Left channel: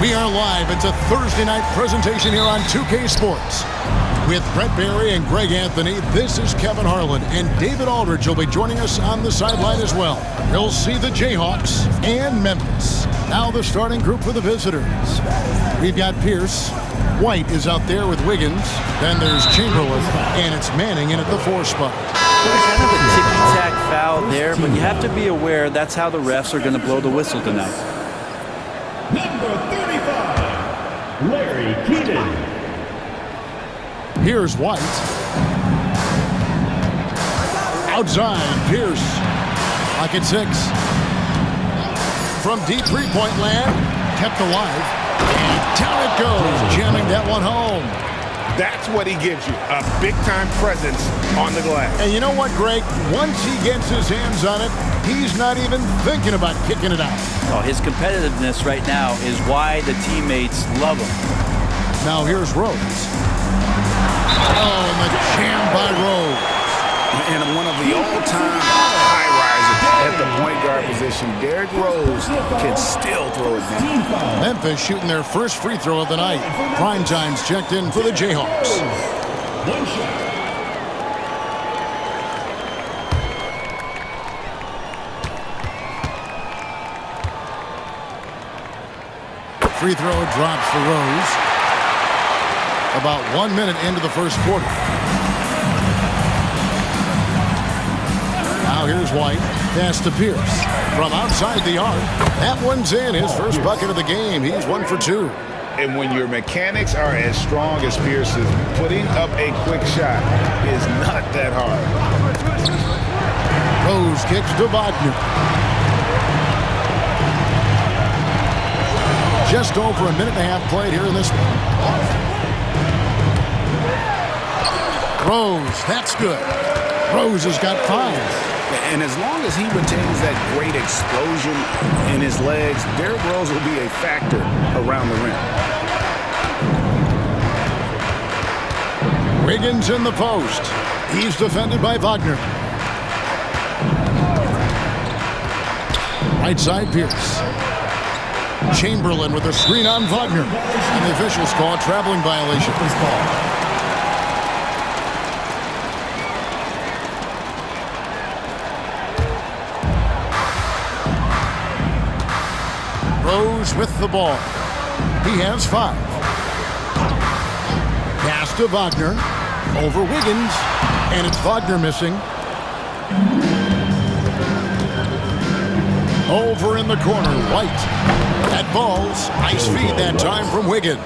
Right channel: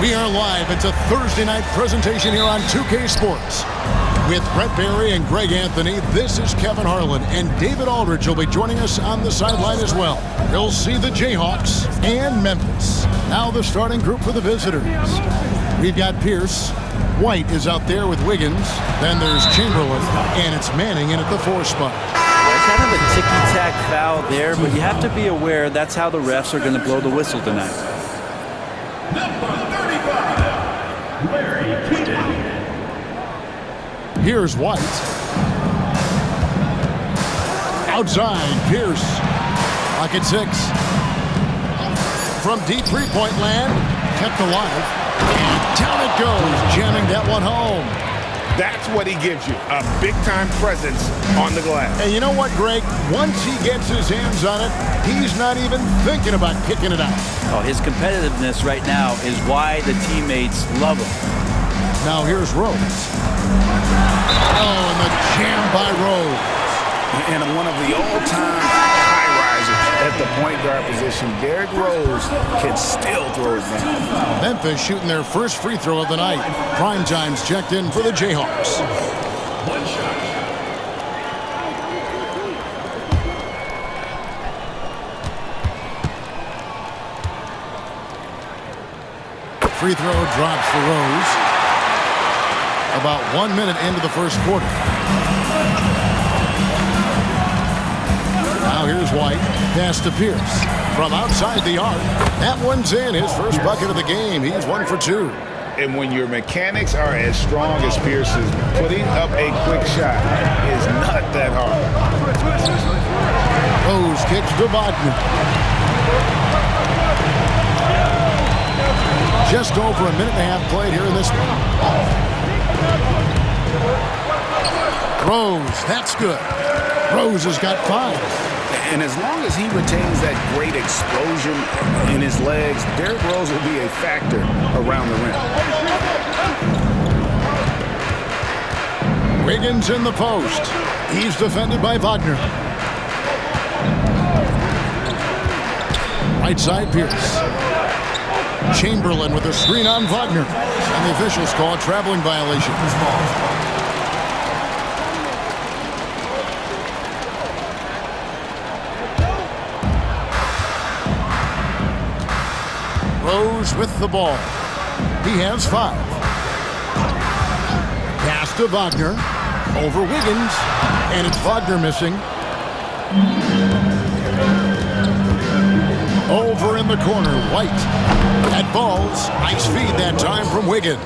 We are live. It's a Thursday night presentation here on 2K Sports. With Brett Barry and Greg Anthony, this is Kevin Harlan, and David Aldridge will be joining us on the sideline as well. We'll see the Jayhawks and Memphis. Now the starting group for the visitors. We've got Pierce. White is out there with Wiggins. Then there's Chamberlain, and it's Manning in at the 4 spot. Kind of a ticky-tack foul there, but you have to be aware that's how the refs are going to blow the whistle tonight. Number 35, Larry Keaton. Here's White. Outside, Pierce. Clock at 6. From deep three-point land, kept alive. And down it goes, jamming that one home. That's what he gives you, a big-time presence on the glass. And you know what, Greg? Once he gets his hands on it, he's not even thinking about kicking it out. Oh, his competitiveness right now is why the teammates love him. Now here's Rose. Oh, and the jam by Rose. And one of the all-time high-risers at the point guard position, Derrick Rose can still throw it down. Memphis shooting their first free throw of the night. Prime time's checked in for the Jayhawks. One shot. Free throw drops for Rose. About 1 minute into the first quarter. Now here's White. Pass to Pierce. From outside the arc. That one's in. His first bucket of the game. He's 1 for 2. And when your mechanics are as strong as Pierce's, putting up a quick shot is not that hard. Rose kicks to Wagner. Just over a minute and a half played here in this one. Rose, that's good. Rose has got 5. And as long as he retains that great explosion in his legs, Derrick Rose will be a factor around the rim. Wiggins in the post. He's defended by Wagner. Right side, Pierce. Chamberlain with a screen on Wagner. And the officials call a traveling violation. Rose with the ball. He has 5. Pass to Wagner. Over Wiggins. And it's Wagner missing. Over in the corner, White. That ball's ice feed that time from Wiggins.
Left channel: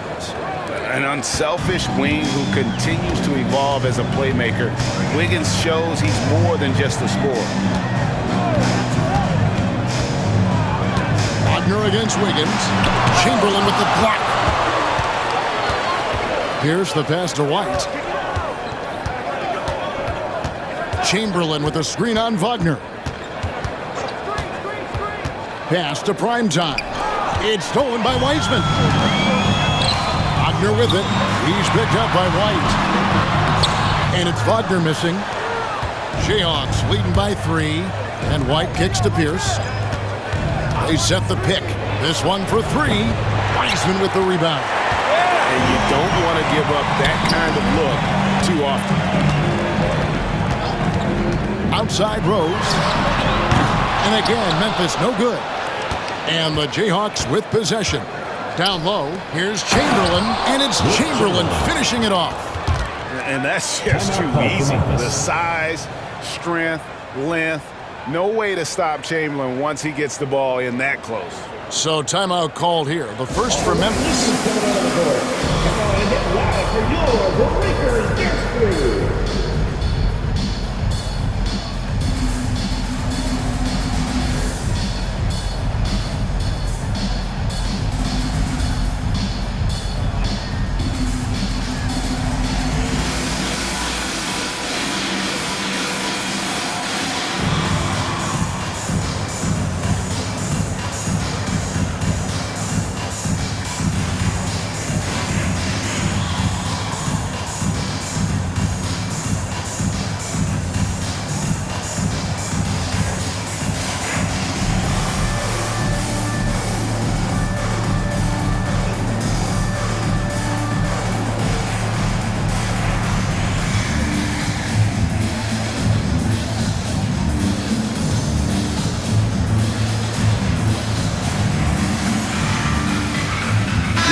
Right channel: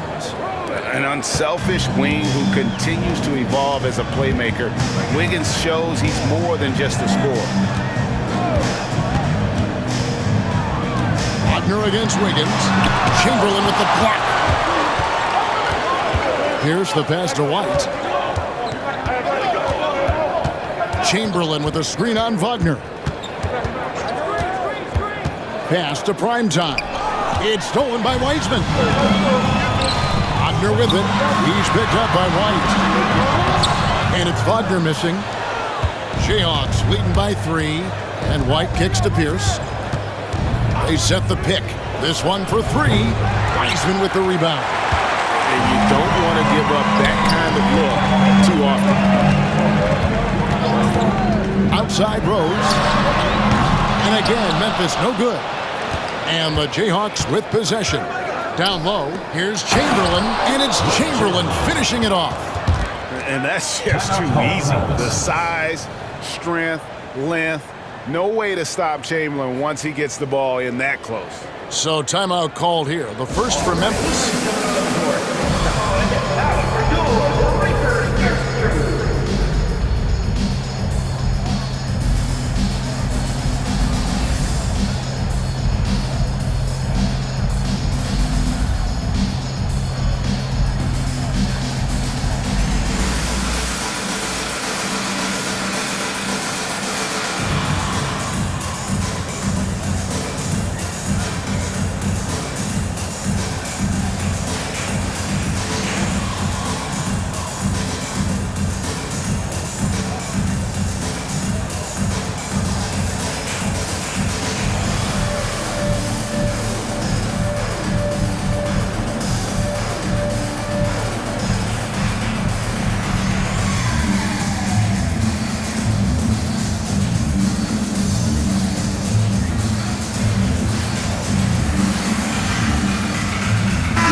An unselfish wing who continues to evolve as a playmaker. Wiggins shows he's more than just a scorer. Wagner against Wiggins. Chamberlain with the block. Here's the pass to White. Chamberlain with a screen on Wagner. Pass to Primetime. It's stolen by Wiseman. Wagner with it. He's picked up by White. And it's Wagner missing. Jayhawks leading by 3. And White kicks to Pierce. They set the pick. This one for 3. Wiseman with the rebound. And you don't want to give up that kind of look too often. Outside Rose. And again, Memphis no good. And the Jayhawks with possession. Down low, here's Chamberlain, and it's Chamberlain finishing it off. And that's just too easy. The size, strength, length. No way to stop Chamberlain once he gets the ball in that close. So timeout called here. The first for Memphis.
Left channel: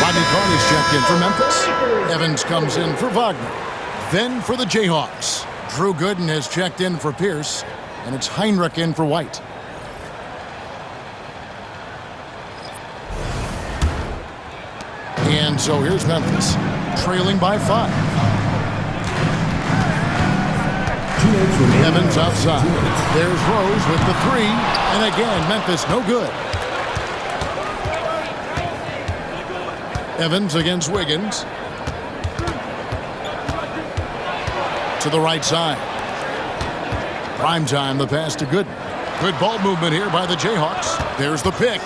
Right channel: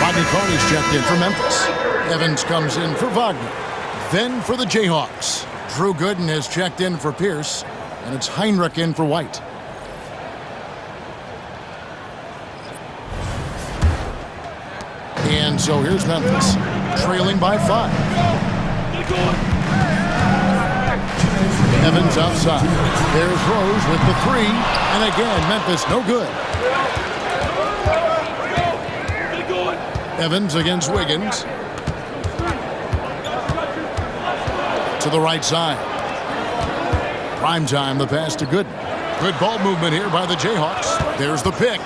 Rodney Carney's checked in for Memphis. Evans comes in for Wagner. Then for the Jayhawks, Drew Gooden has checked in for Pierce, and it's Heinrich in for White. And so here's Memphis, trailing by 5. Evans outside. There's Rose with the 3, and again, Memphis no good. Evans against Wiggins. To the right side. Prime time, the pass to Gooden. Good ball movement here by the Jayhawks. There's the pick.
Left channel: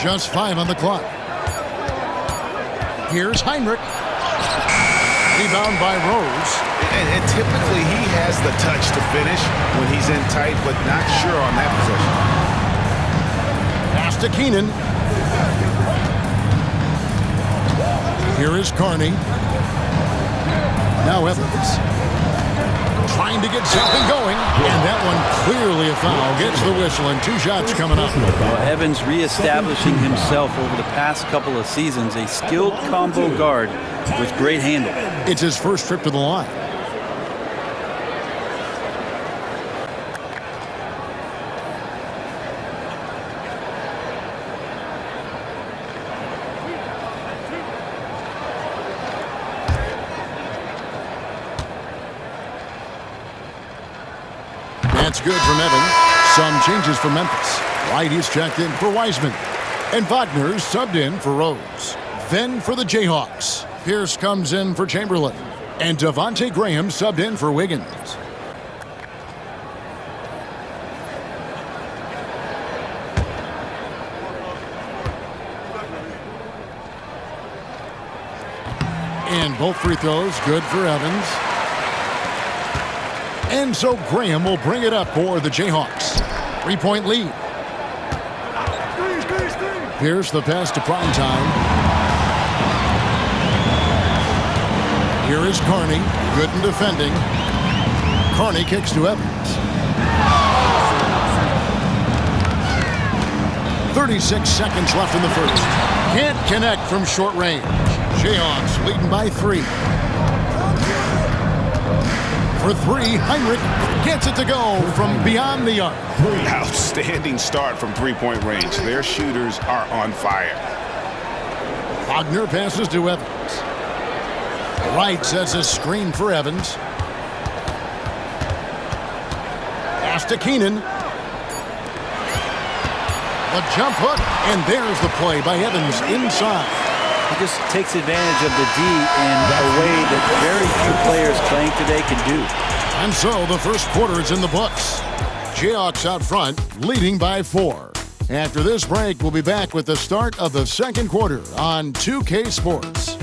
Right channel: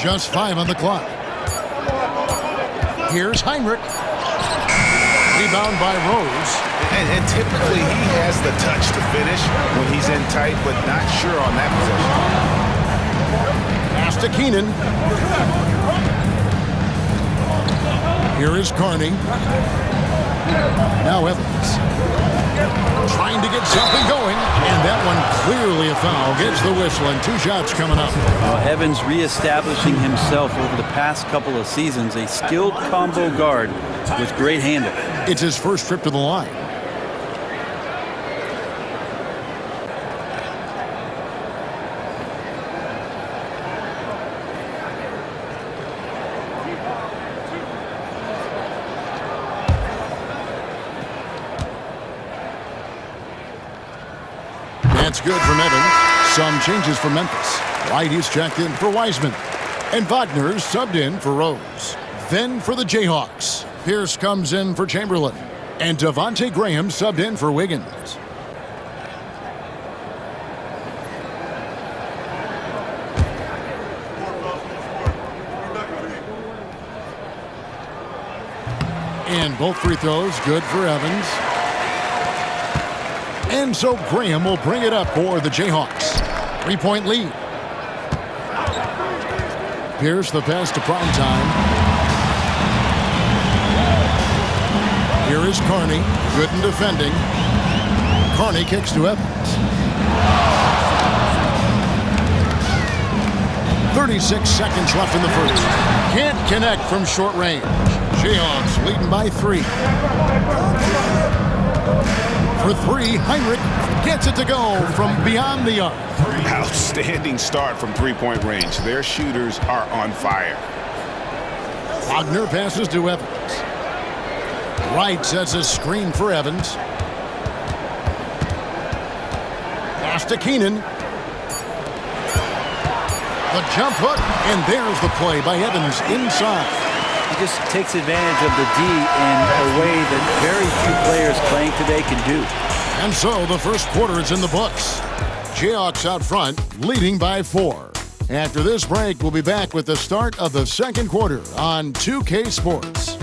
Just 5 on the clock. Here's Heinrich. Rebound by Rose. And typically he has the touch to finish when he's in tight, but not sure on that possession. Pass to Keenan. Here is Carney. Now Evans. Trying to get something going, and that one clearly a foul. Gets the whistle, and 2 shots coming up. Well, Evans reestablishing himself over the past couple of seasons, a skilled combo guard with great handle. It's his first trip to the line. That's good from Evans. Some changes for Memphis. White is checked in for Wiseman. And Wagner's subbed in for Rose. Then for the Jayhawks, Pierce comes in for Chamberlain. And Devontae Graham subbed in for Wiggins. And both free throws good for Evans. And so Graham will bring it up for the Jayhawks. 3-point lead. Pierce the pass to prime time. Here is Carney. Gooden defending. Carney kicks to Evans. 36 seconds left in the first. Can't connect from short range. Jayhawks leading by 3. For 3, Heinrich gets it to go from beyond the arc. Outstanding start from 3-point range. Their shooters are on fire. Wagner passes to Evans. Wright sets a screen for Evans. Pass to Keenan. The jump hook, and there's the play by Evans inside. He just takes advantage of the D in a way that very few players playing today can do. And so the first quarter is in the books. Jayhawks out front, leading by 4. After this break, we'll be back with the start of the second quarter on 2K Sports.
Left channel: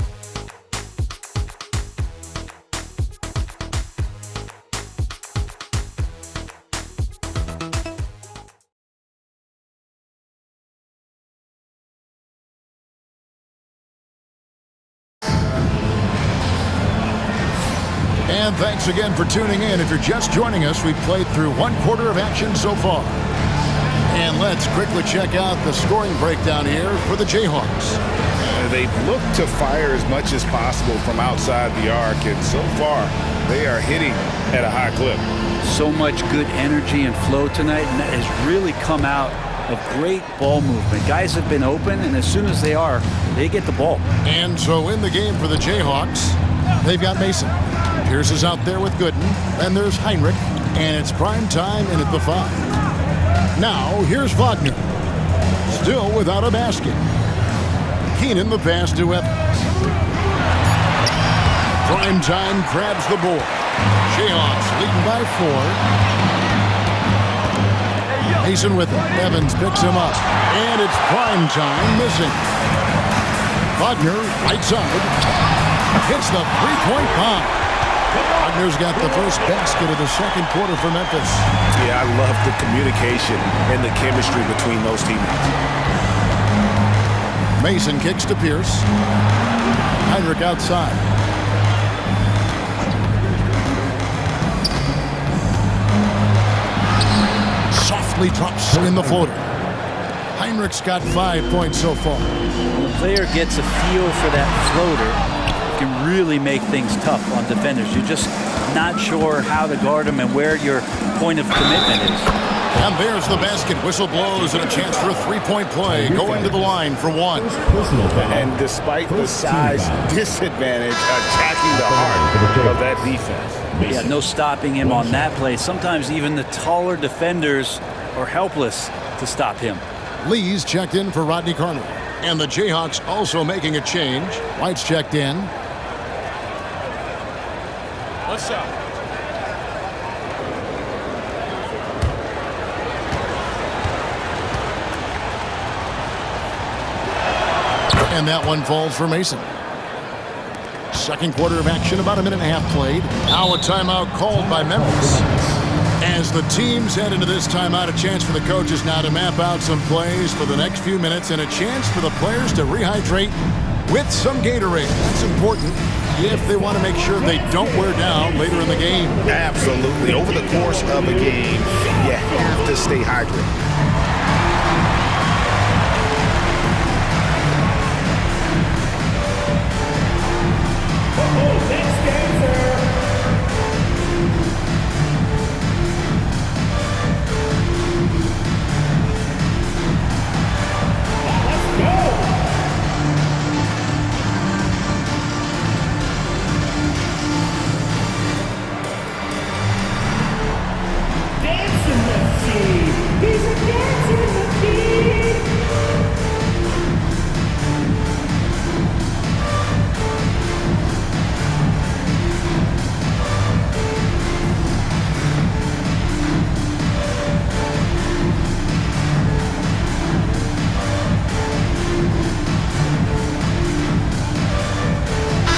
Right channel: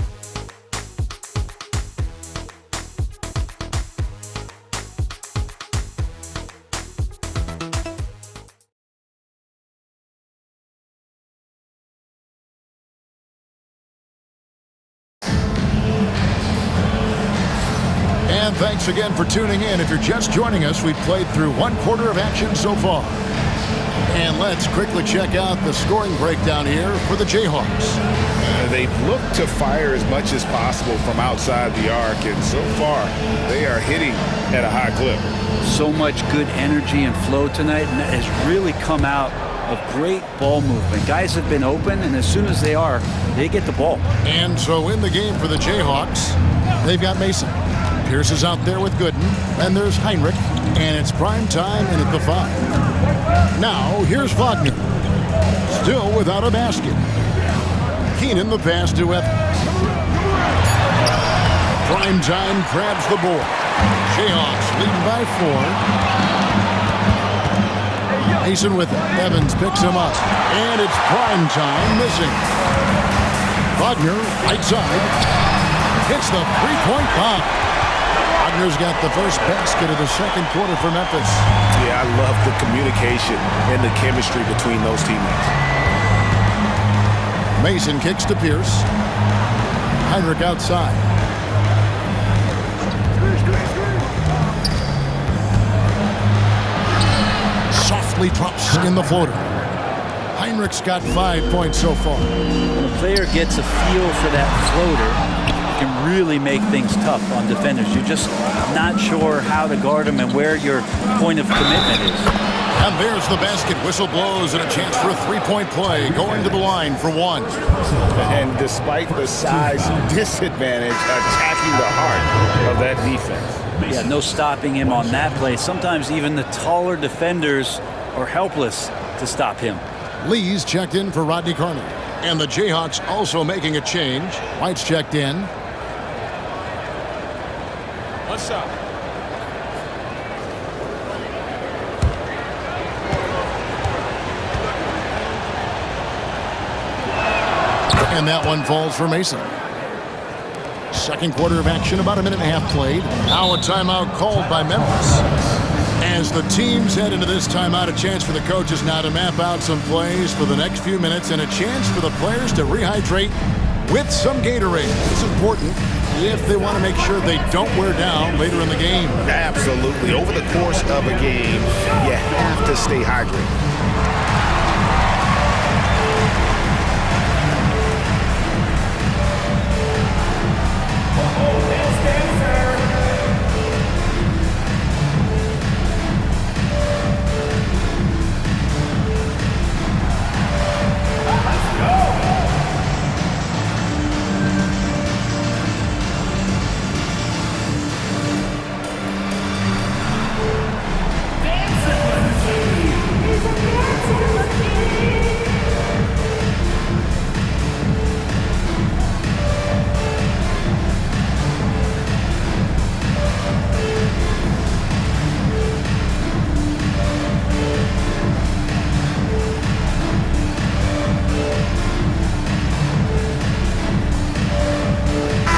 And thanks again for tuning in. If you're just joining us, we've played through 1 quarter of action so far. And let's quickly check out the scoring breakdown here for the Jayhawks. They've looked to fire as much as possible from outside the arc, and so far they are hitting at a high clip. So much good energy and flow tonight, and that has really come out of great ball movement. Guys have been open, and as soon as they are, they get the ball. And so in the game for the Jayhawks, they've got Mason. Pierce is out there with Gooden, and there's Heinrich, and it's prime time in at the 5. Now, here's Wagner. Still without a basket. Keenan the pass to Evans. Prime time grabs the board. Jayhawks leading by 4. Mason with it. Evans picks him up, and it's prime time missing. Wagner, right side, hits the 3-point bomb. Wagner's got the first basket of the second quarter for Memphis. Yeah, I love the communication and the chemistry between those teammates. Mason kicks to Pierce. Heinrich outside. Softly drops in the floater. Heinrich's got 5 points so far. When a player gets a feel for that floater, it can really make things tough on defenders. You're just not sure how to guard them and where your point of commitment is. And there's the basket. Whistle blows and a chance for a three-point play. Going to the line for one. And despite the size disadvantage, attacking the heart of that defense. Yeah, no stopping him on that play. Sometimes even the taller defenders are helpless to stop him. Lee's checked in for Rodney Carney. And the Jayhawks also making a change. White's checked in. What's up? And that one falls for Mason. Second quarter of action, about a minute and a half played. Now a timeout called by Memphis. As the teams head into this timeout, a chance for the coaches now to map out some plays for the next few minutes and a chance for the players to rehydrate with some Gatorade. That's important if they want to make sure they don't wear down later in the game. Absolutely. Over the course of a game, you have to stay hydrated.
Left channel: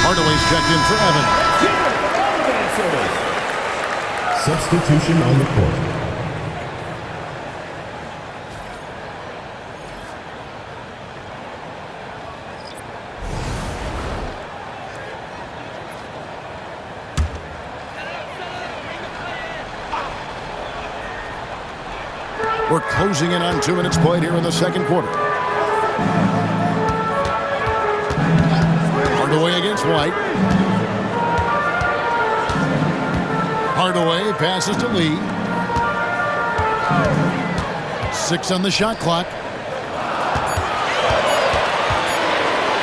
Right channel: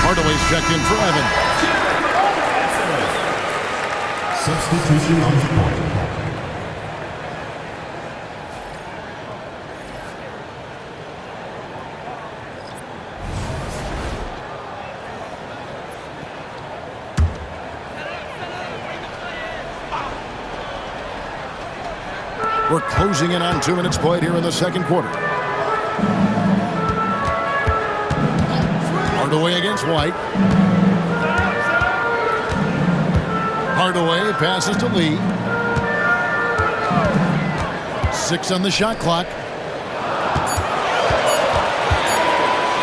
Hardaway's checked in for Evan. Substitution on the court. We're closing in on 2 minutes played here in the second quarter. Hardaway against White. Hardaway passes to Lee. 6 on the shot clock.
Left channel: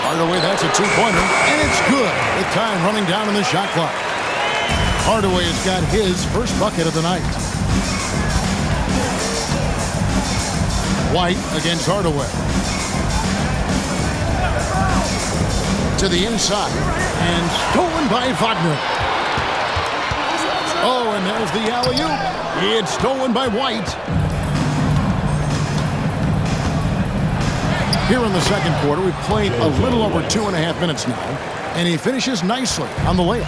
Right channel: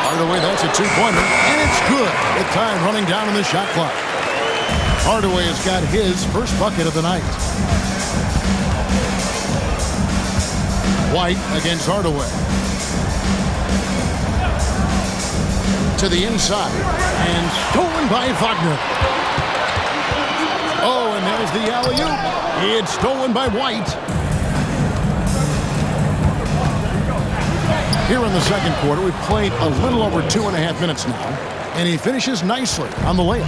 Hardaway, that's a two-pointer, and it's good with time running down on the shot clock. Hardaway has got his first bucket of the night. White against Hardaway. To the inside, and stolen by Wagner. Oh, and there's the alley-oop. It's stolen by White. Here in the second quarter, we've played a little over 2.5 minutes now, and he finishes nicely on the layup.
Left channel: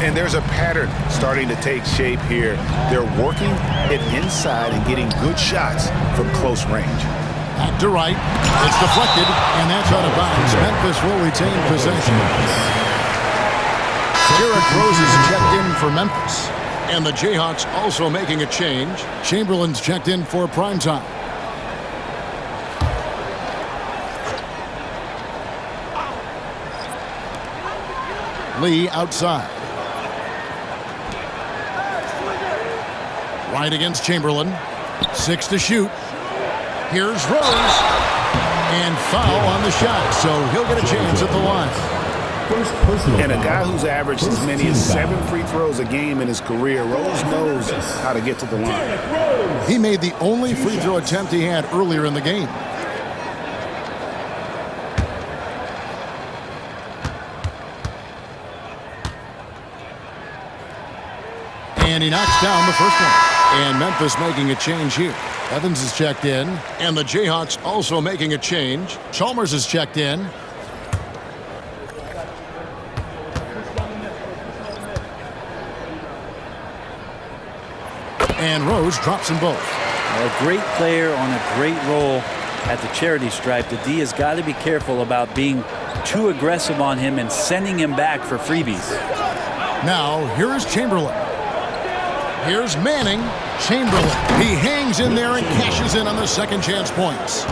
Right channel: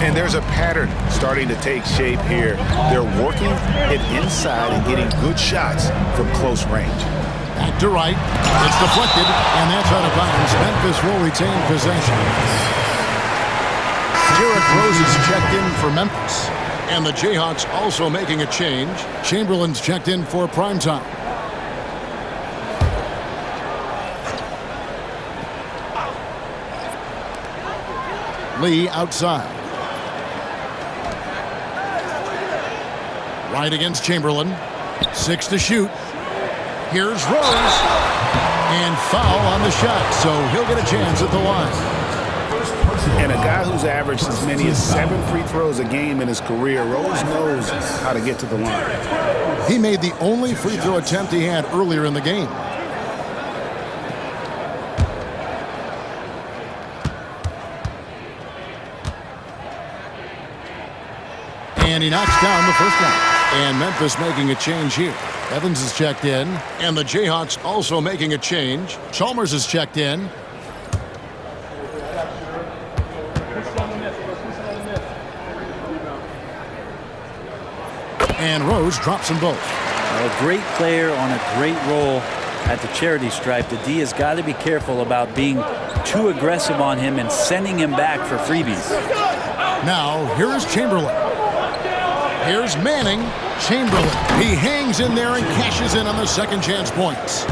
And there's a pattern starting to take shape here. They're working it inside and getting good shots from close range. Back to right. It's deflected, and that's out of bounds. Memphis will retain possession. Derrick Rose is checked in for Memphis. And the Jayhawks also making a change. Chamberlain's checked in for primetime. Lee outside. Right against Chamberlain. 6 to shoot. Here's Rose. And foul on the shot, so he'll get a chance at the line. And a guy who's averaged as many as 7 free throws a game in his career, Rose knows how to get to the line. He made the only free throw attempt he had earlier in the game. And he knocks down the first one. And Memphis making a change here. Evans is checked in. And the Jayhawks also making a change. Chalmers is checked in. And Rose drops them both. A great player on a great role at the charity stripe. The D has got to be careful about being too aggressive on him and sending him back for freebies. Now, here is Chamberlain. Here's Manning. Chamberlain. He hangs in there and cashes in on the second chance points.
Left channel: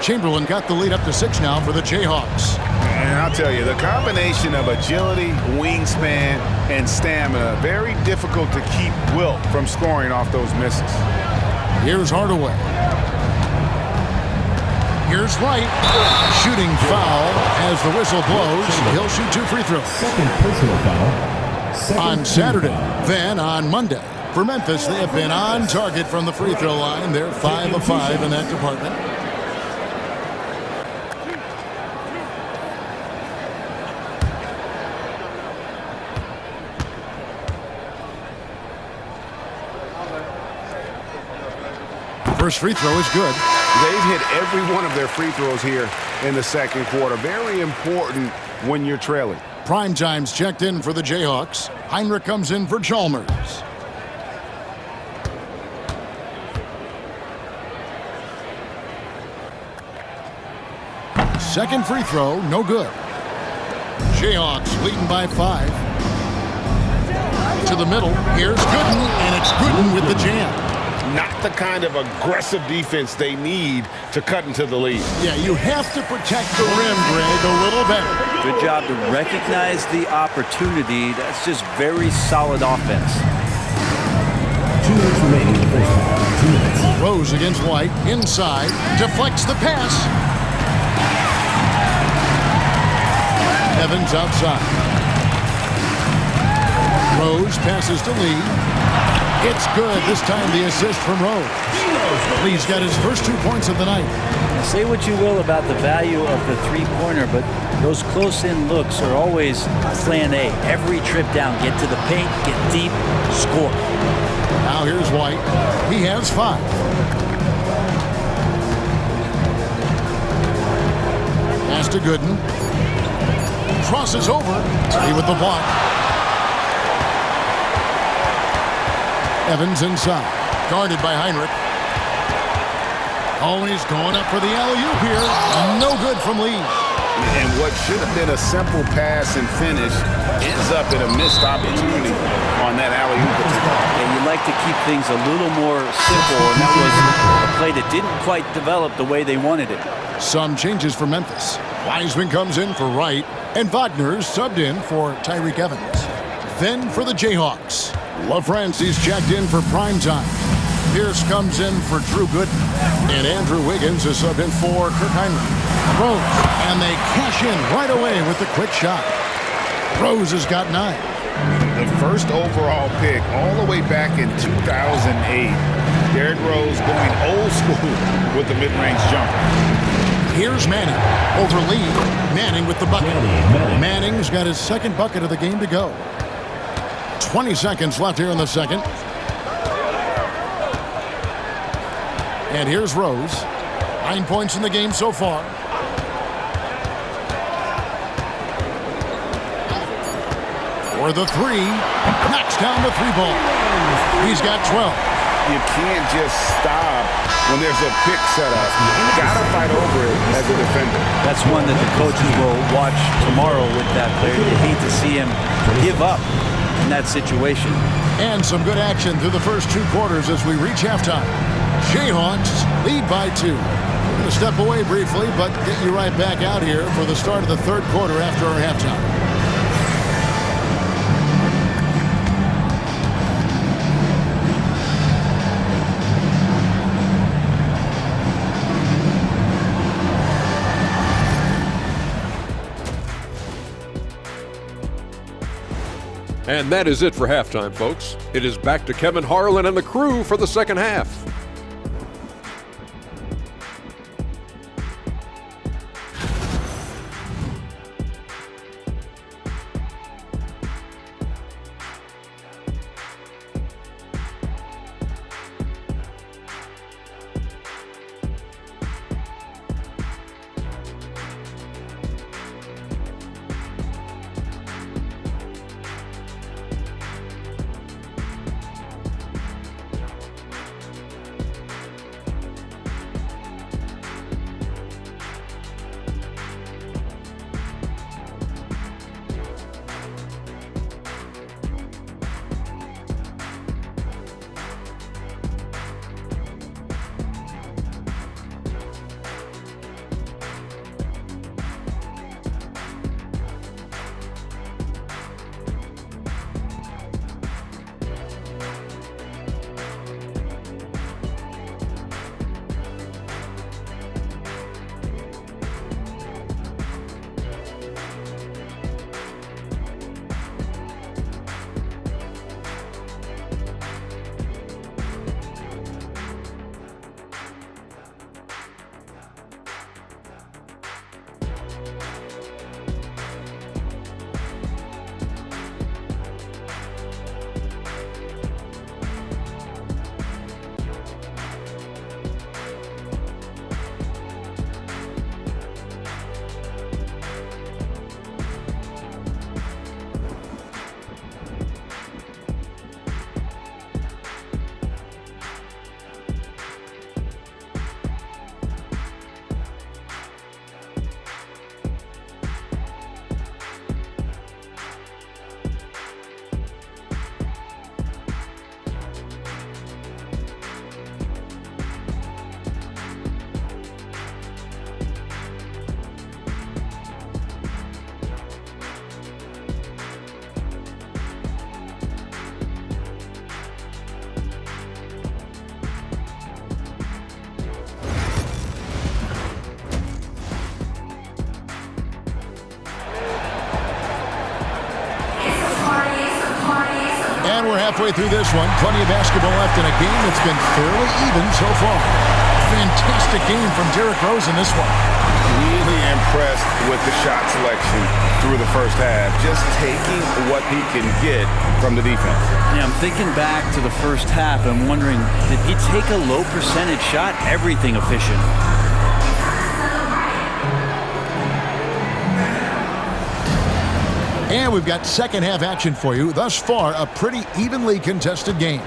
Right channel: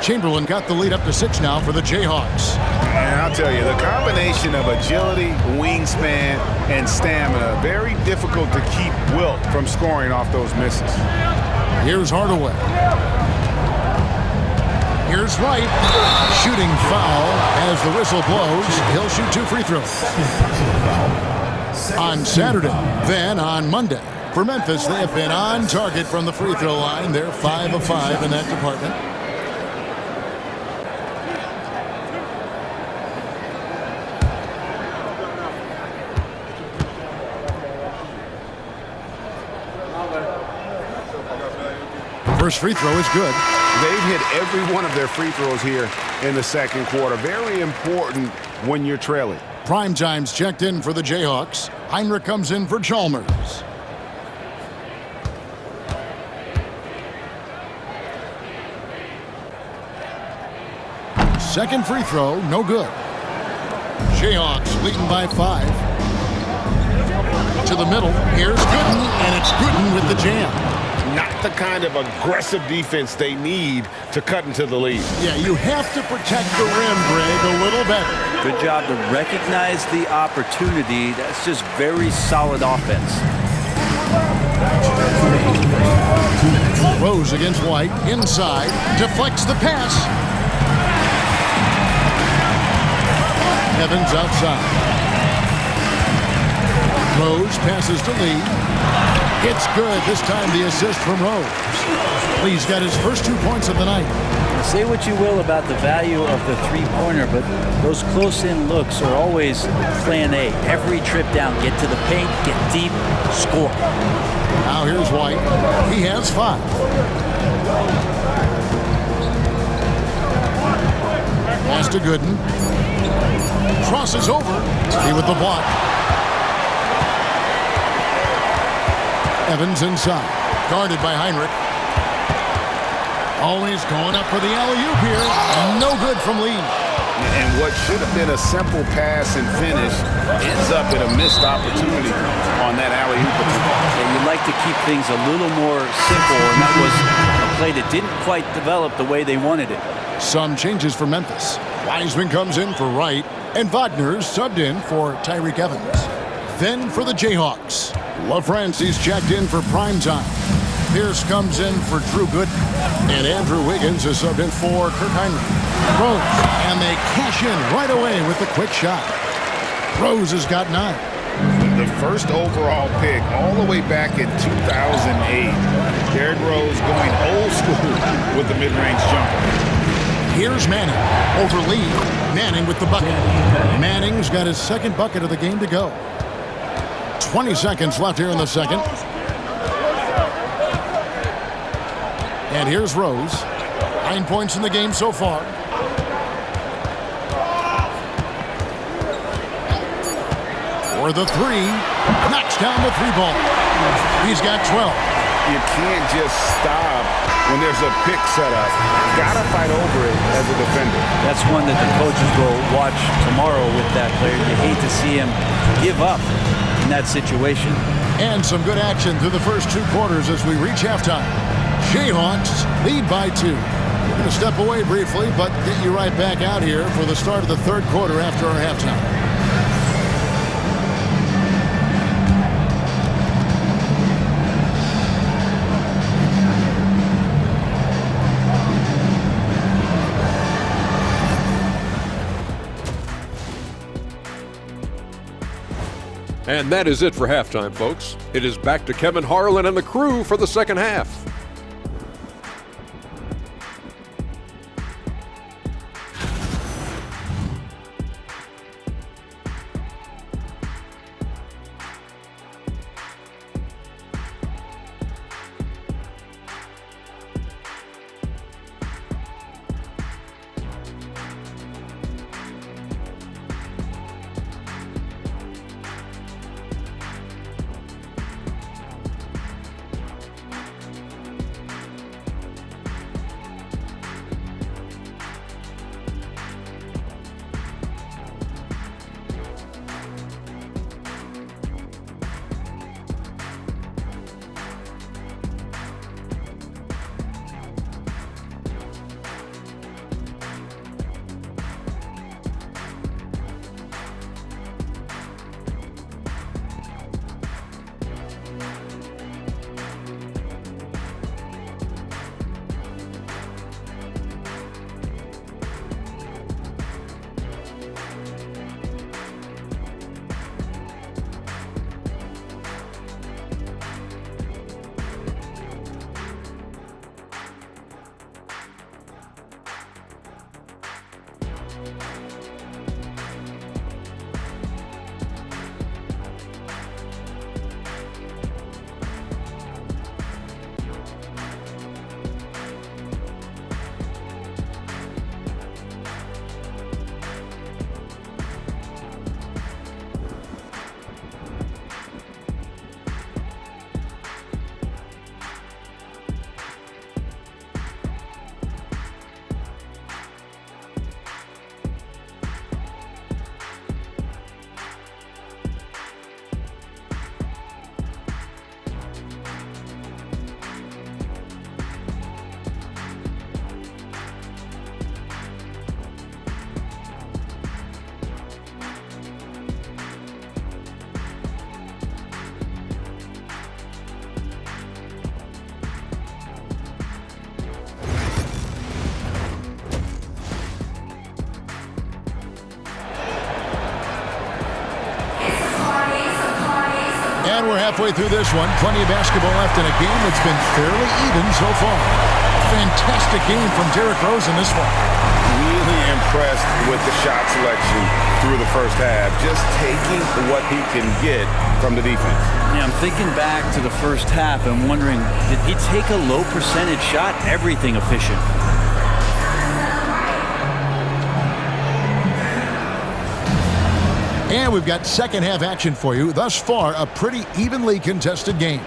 Chamberlain got the lead up to 6 now for the Jayhawks. And I'll tell you, the combination of agility, wingspan, and stamina, very difficult to keep Wilt from scoring off those misses. Here's Hardaway. Here's Wright. Shooting foul as the whistle blows. He'll shoot 2 free throws. Second personal foul. On Saturday, then on Monday. For Memphis, they have been on target from the free throw line. They're 5 of 5 in that department. First free throw is good. They've hit every one of their free throws here in the second quarter. Very important when you're trailing. Primetime's checked in for the Jayhawks. Heinrich comes in for Chalmers. Second free throw, no good. Jayhawks leading by 5. To the middle, here's Gooden, and it's Gooden with the jam. Not the kind of aggressive defense they need to cut into the lead. Yeah, you have to protect the rim, Greg, a little better. Good job to recognize the opportunity. That's just very solid offense. 2 minutes remaining in the first half. 2 minutes. Rose against White, inside, deflects the pass. Evans outside. Rose passes to Lee. It's good. This time the assist from Rose. Lee's got his first 2 points of the night. Now, say what you will about the value of the three-pointer, but those close-in looks are always plan A. Every trip down, get to the paint, get deep, score. Now here's White. He has 5. Pass to Gooden. Crosses over. Lee with the block. Evans inside. Guarded by Heinrich. Always going up for the alley-oop here. No good from Lee. And what should have been a simple pass and finish ends up in a missed opportunity on that alley-oop attempt. Yeah, you like to keep things a little more simple, and that was a play that didn't quite develop the way they wanted it. Some changes for Memphis. Wiseman comes in for Wright, and Wagner's subbed in for Tyreek Evans. Then for the Jayhawks, LaFrancie's checked in for primetime. Pierce comes in for Drew Gooden, and Andrew Wiggins is subbed in for Kirk Heinrich. Rose, and they cash in right away with the quick shot. Rose has got 9. The first overall pick all the way back in 2008. Derrick Rose going old school with the mid-range jumper. Here's Manning over Lee. Manning with the bucket. Manning's got his second bucket of the game to go. 20 seconds left here in the second. And here's Rose. 9 points in the game so far. For the 3. Knocks down the 3 ball. He's got 12. You can't just stop when there's a pick set up. Gotta fight over it as a defender. That's one that the coaches will watch tomorrow with that player. You hate to see him give up in that situation. And some good action through the first 2 quarters as we reach halftime. Jayhawks lead by 2. We're going to step away briefly, but get you right back out here for the start of the third quarter after our halftime. And that is it for halftime, folks. It is back to Kevin Harlan and the crew for the second half. And we're halfway through this one. Plenty of basketball left in a game that's been fairly even so far. Fantastic game from Derrick Rose in this one. Really impressed with the shot selection through the first half. Just taking what he can get from the defense. Yeah, I'm thinking back to the first half and wondering, did he take a low percentage shot? Everything efficient. And we've got second half action for you. Thus far, a pretty evenly contested game.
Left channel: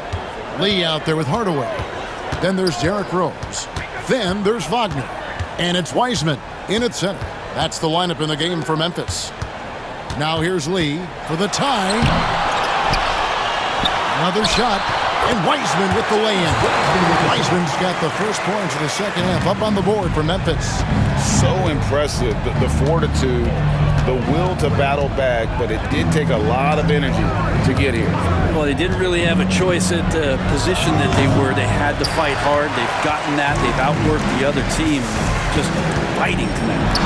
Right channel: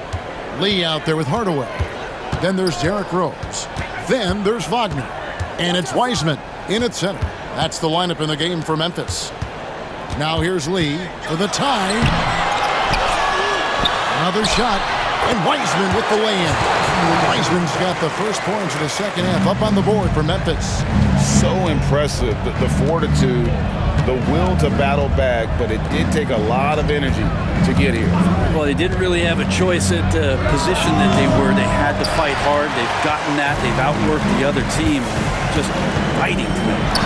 Lee out there with Hardaway. Then there's Derrick Rose. Then there's Wagner. And it's Wiseman in at center. That's the lineup in the game for Memphis. Now here's Lee for the tie. Another shot. And Wiseman with the lay-in. Wiseman's got the first points of the second half up on the board for Memphis. So impressive, the fortitude, the will to battle back, but it did take a lot of energy to get here. Well, they didn't really have a choice at the position that they were. They had to fight hard. They've gotten that. They've outworked the other team. Just fighting tonight.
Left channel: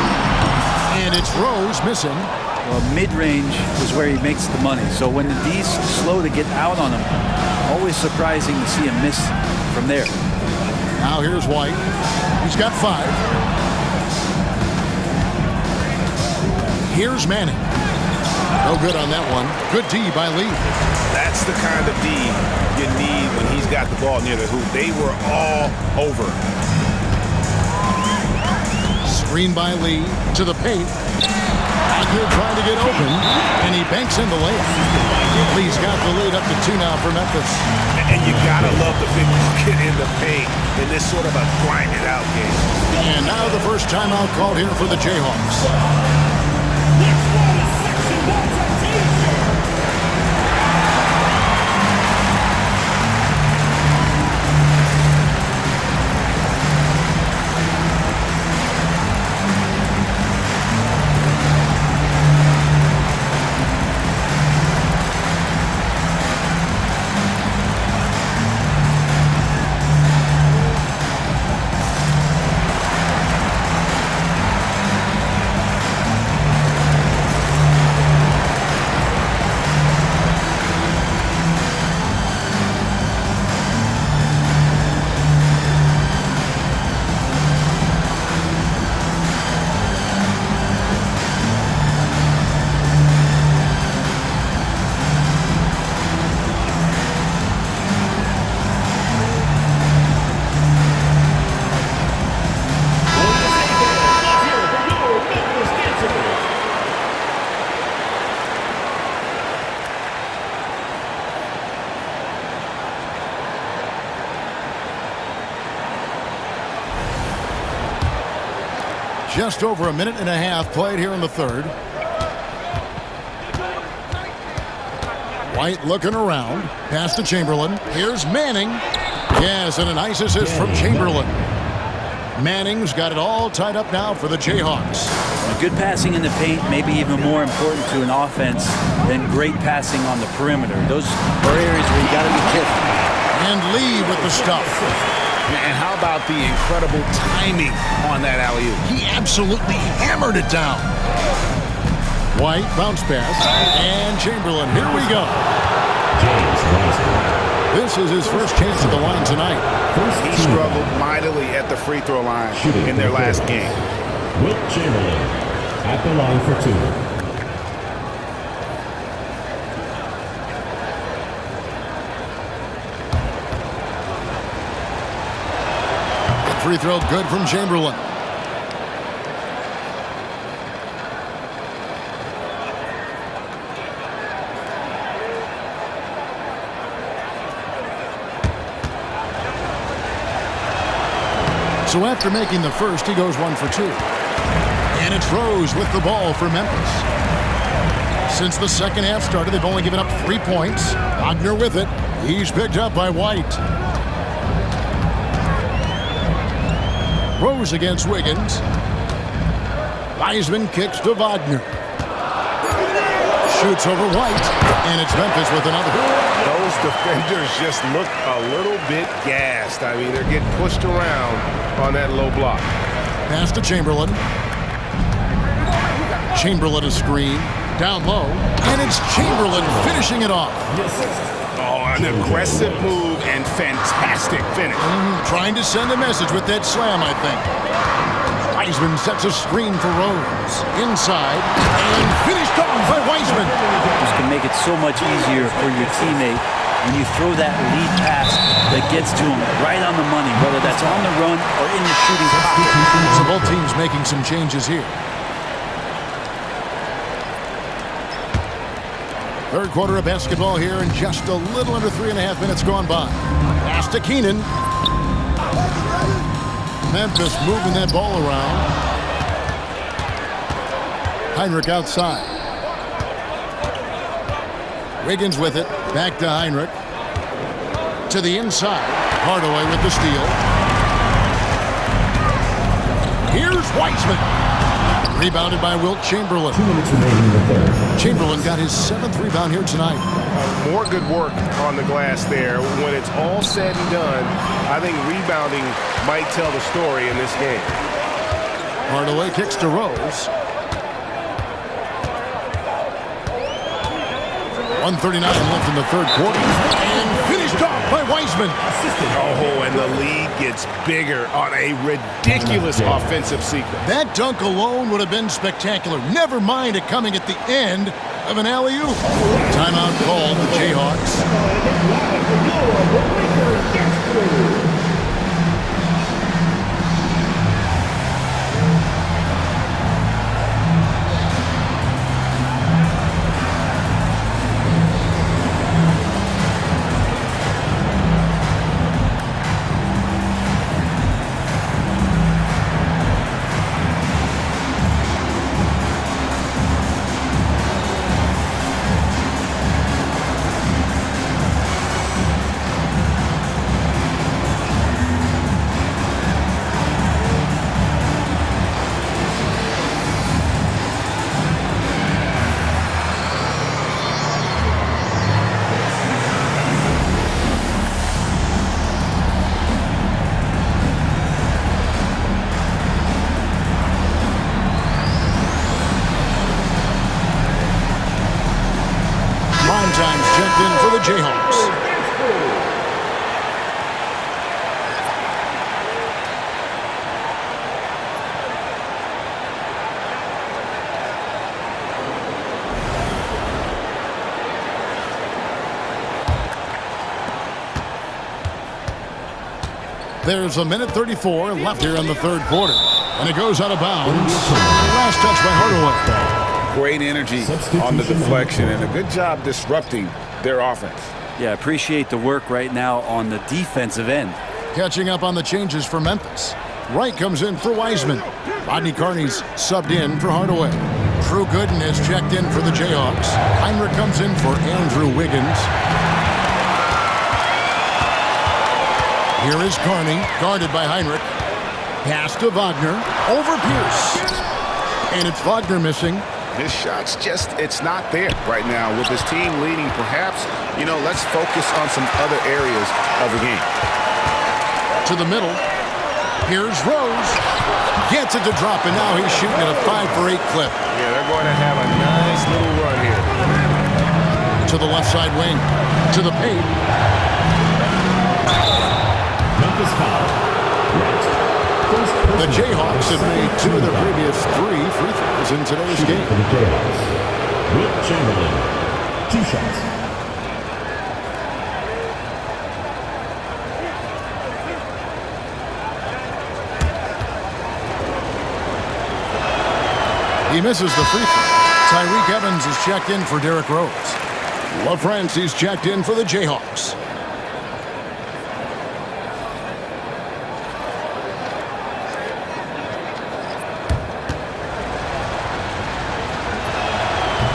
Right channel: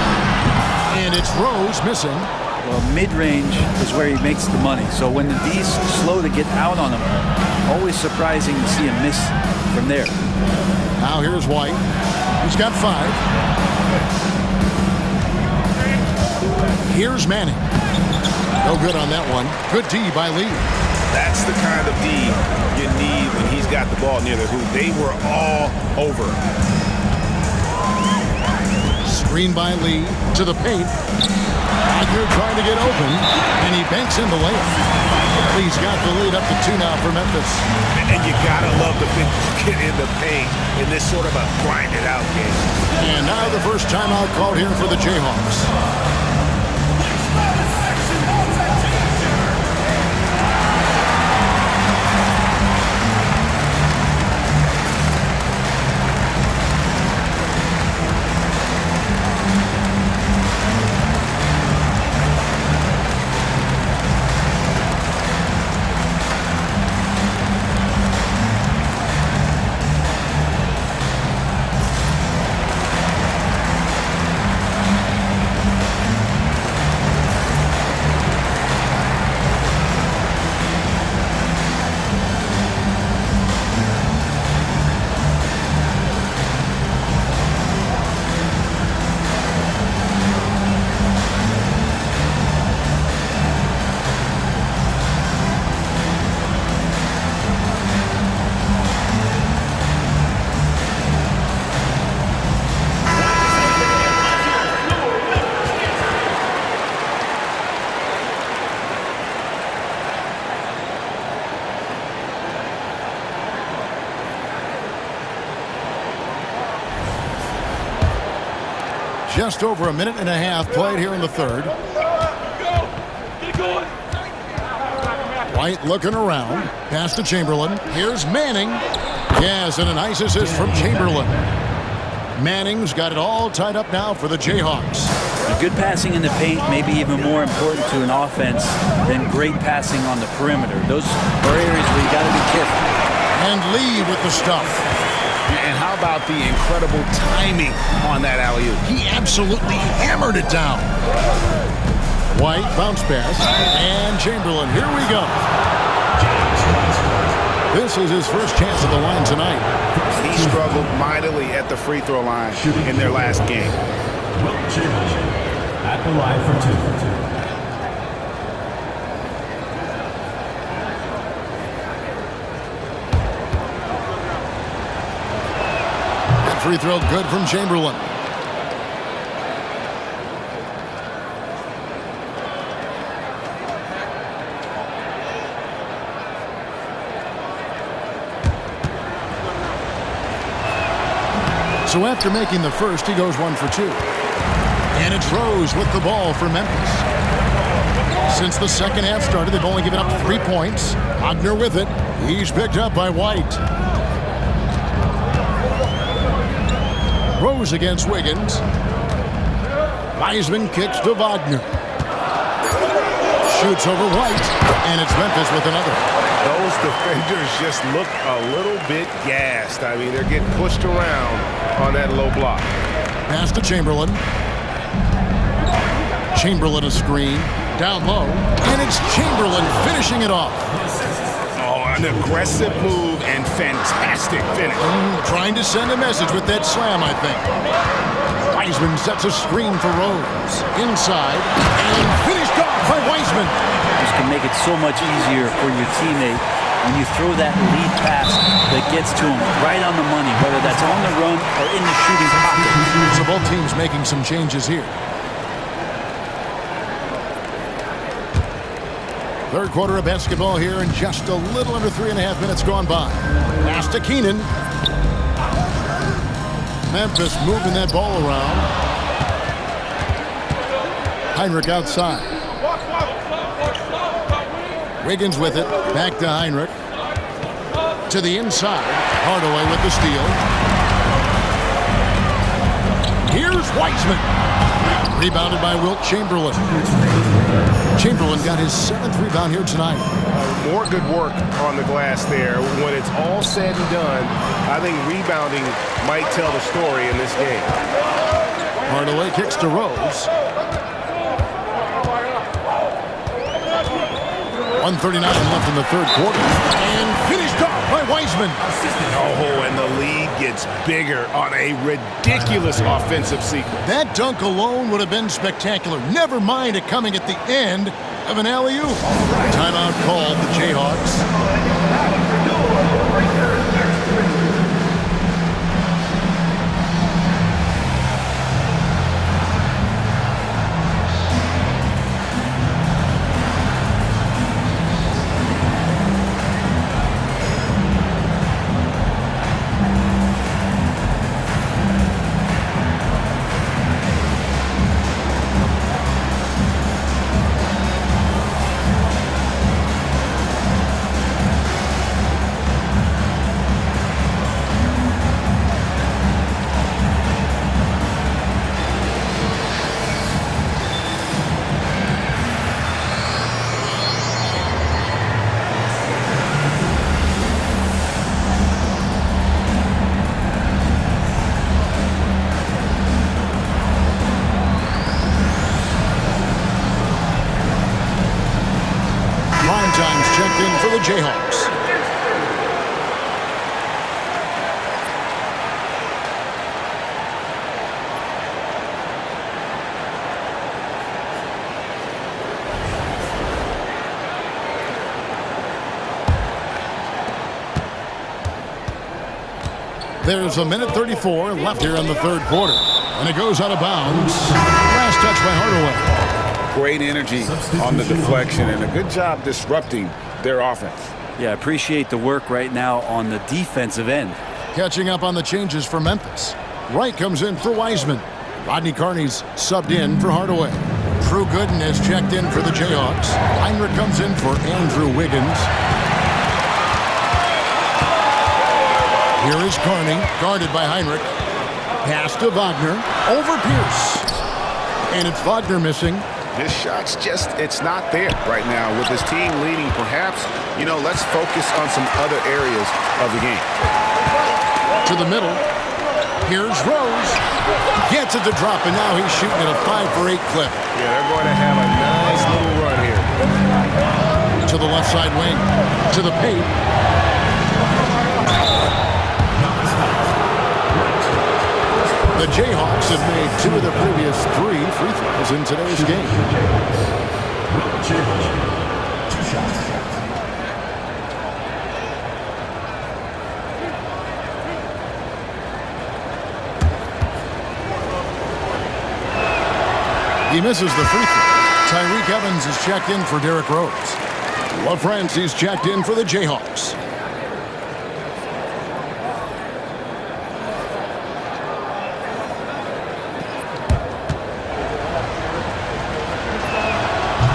And it's Rose missing. Well, mid-range is where he makes the money. So when the D's slow to get out on him, always surprising to see him miss from there. Now here's White. He's got 5. Here's Manning. No good on that one. Good D by Lee. That's the kind of D you need when he's got the ball near the hoop. They were all over. Screen by Lee to the paint. Wagner trying to get open, and he banks in the layup. Lee's got the lead up to 2 now for Memphis. And you gotta love the big bucket in the paint in this sort of a grinded out game. And now the first timeout called here for the Jayhawks. Just over a minute and a half played here in the third. White looking around. Pass to Chamberlain. Here's Manning. Yes, and a nice assist from Chamberlain. Manning's got it all tied up now for the Jayhawks. Good passing in the paint may be even more important to an offense than great passing on the perimeter. Those are areas where you got to be careful. And Lee with the stuff. And how about the incredible timing on that alley-oop? He absolutely hammered it down. White bounce pass. And Chamberlain. Here we go. This is his first chance at the line tonight. He struggled mightily at the free throw line in their last game. Wilt Chamberlain at the line for 2. Free throw good from Chamberlain. So after making the first, he goes 1 for 2. And it's Rose with the ball for Memphis. Since the second half started, they've only given up 3 points. Wagner with it. He's picked up by White. Rose against Wiggins. Wiseman kicks to Wagner. Shoots over White, and it's Memphis with another. Those defenders just look a little bit gassed. I mean, they're getting pushed around on that low block. Pass to Chamberlain. Chamberlain a screen. Down low, and it's Chamberlain finishing it off. Oh, an aggressive move and fantastic finish. Trying to send a message with that slam, I think. Wiseman sets a screen for Rose. Inside, and finished off by Wiseman. This can make it so much easier for your teammate when you throw that lead pass that gets to him right on the money, whether that's on the run or in the shooting pocket. So both teams making some changes here. Third quarter of basketball here, and just a little under 3.5 minutes gone by. Pass to Keenan. Memphis moving that ball around. Heinrich outside. Wiggins with it. Back to Heinrich. To the inside. Hardaway with the steal. Here's Wiseman. Rebounded by Wilt Chamberlain. 2 minutes remaining in the third. Chamberlain got his 7th rebound here tonight. More good work on the glass there. When it's all said and done, I think rebounding might tell the story in this game. Hardaway kicks to Rose. 1:39 left in the third quarter. And finished off by Wiseman. Oh, and the lead gets bigger on a ridiculous offensive sequence. That dunk alone would have been spectacular. Never mind it coming at the end of an alley-oop. Timeout called, the Jayhawks. Time's checked in for the Jayhawks. There's a minute 34 left here in the third quarter. And it goes out of bounds. Last touch by Hardaway. Great energy on the deflection and a good job disrupting their offense. Yeah, appreciate the work right now on the defensive end. Catching up on the changes for Memphis. Wright comes in for Wiseman. Rodney Carney's subbed in for Hardaway. Drew Gooden has checked in for the Jayhawks. Heinrich comes in for Andrew Wiggins. Here is Carney, guarded by Heinrich. Pass to Wagner. Over Pierce. And it's Wagner missing. His shot's just, it's not there right now. With his team leading, perhaps, let's focus on some other areas of the game. To the middle. Here's Rose. Gets it to drop, and now he's shooting at a 5-for-8 clip. Yeah, they're going to have a nice little run here. To the left side wing. To the paint. The Jayhawks have made 2 of their previous 3 free throws in today's game. Wilt Chamberlain, 2 shots. He misses the free throw. Tyreke Evans is checked in for Derrick Rose. LaFrance's checked in for the Jayhawks.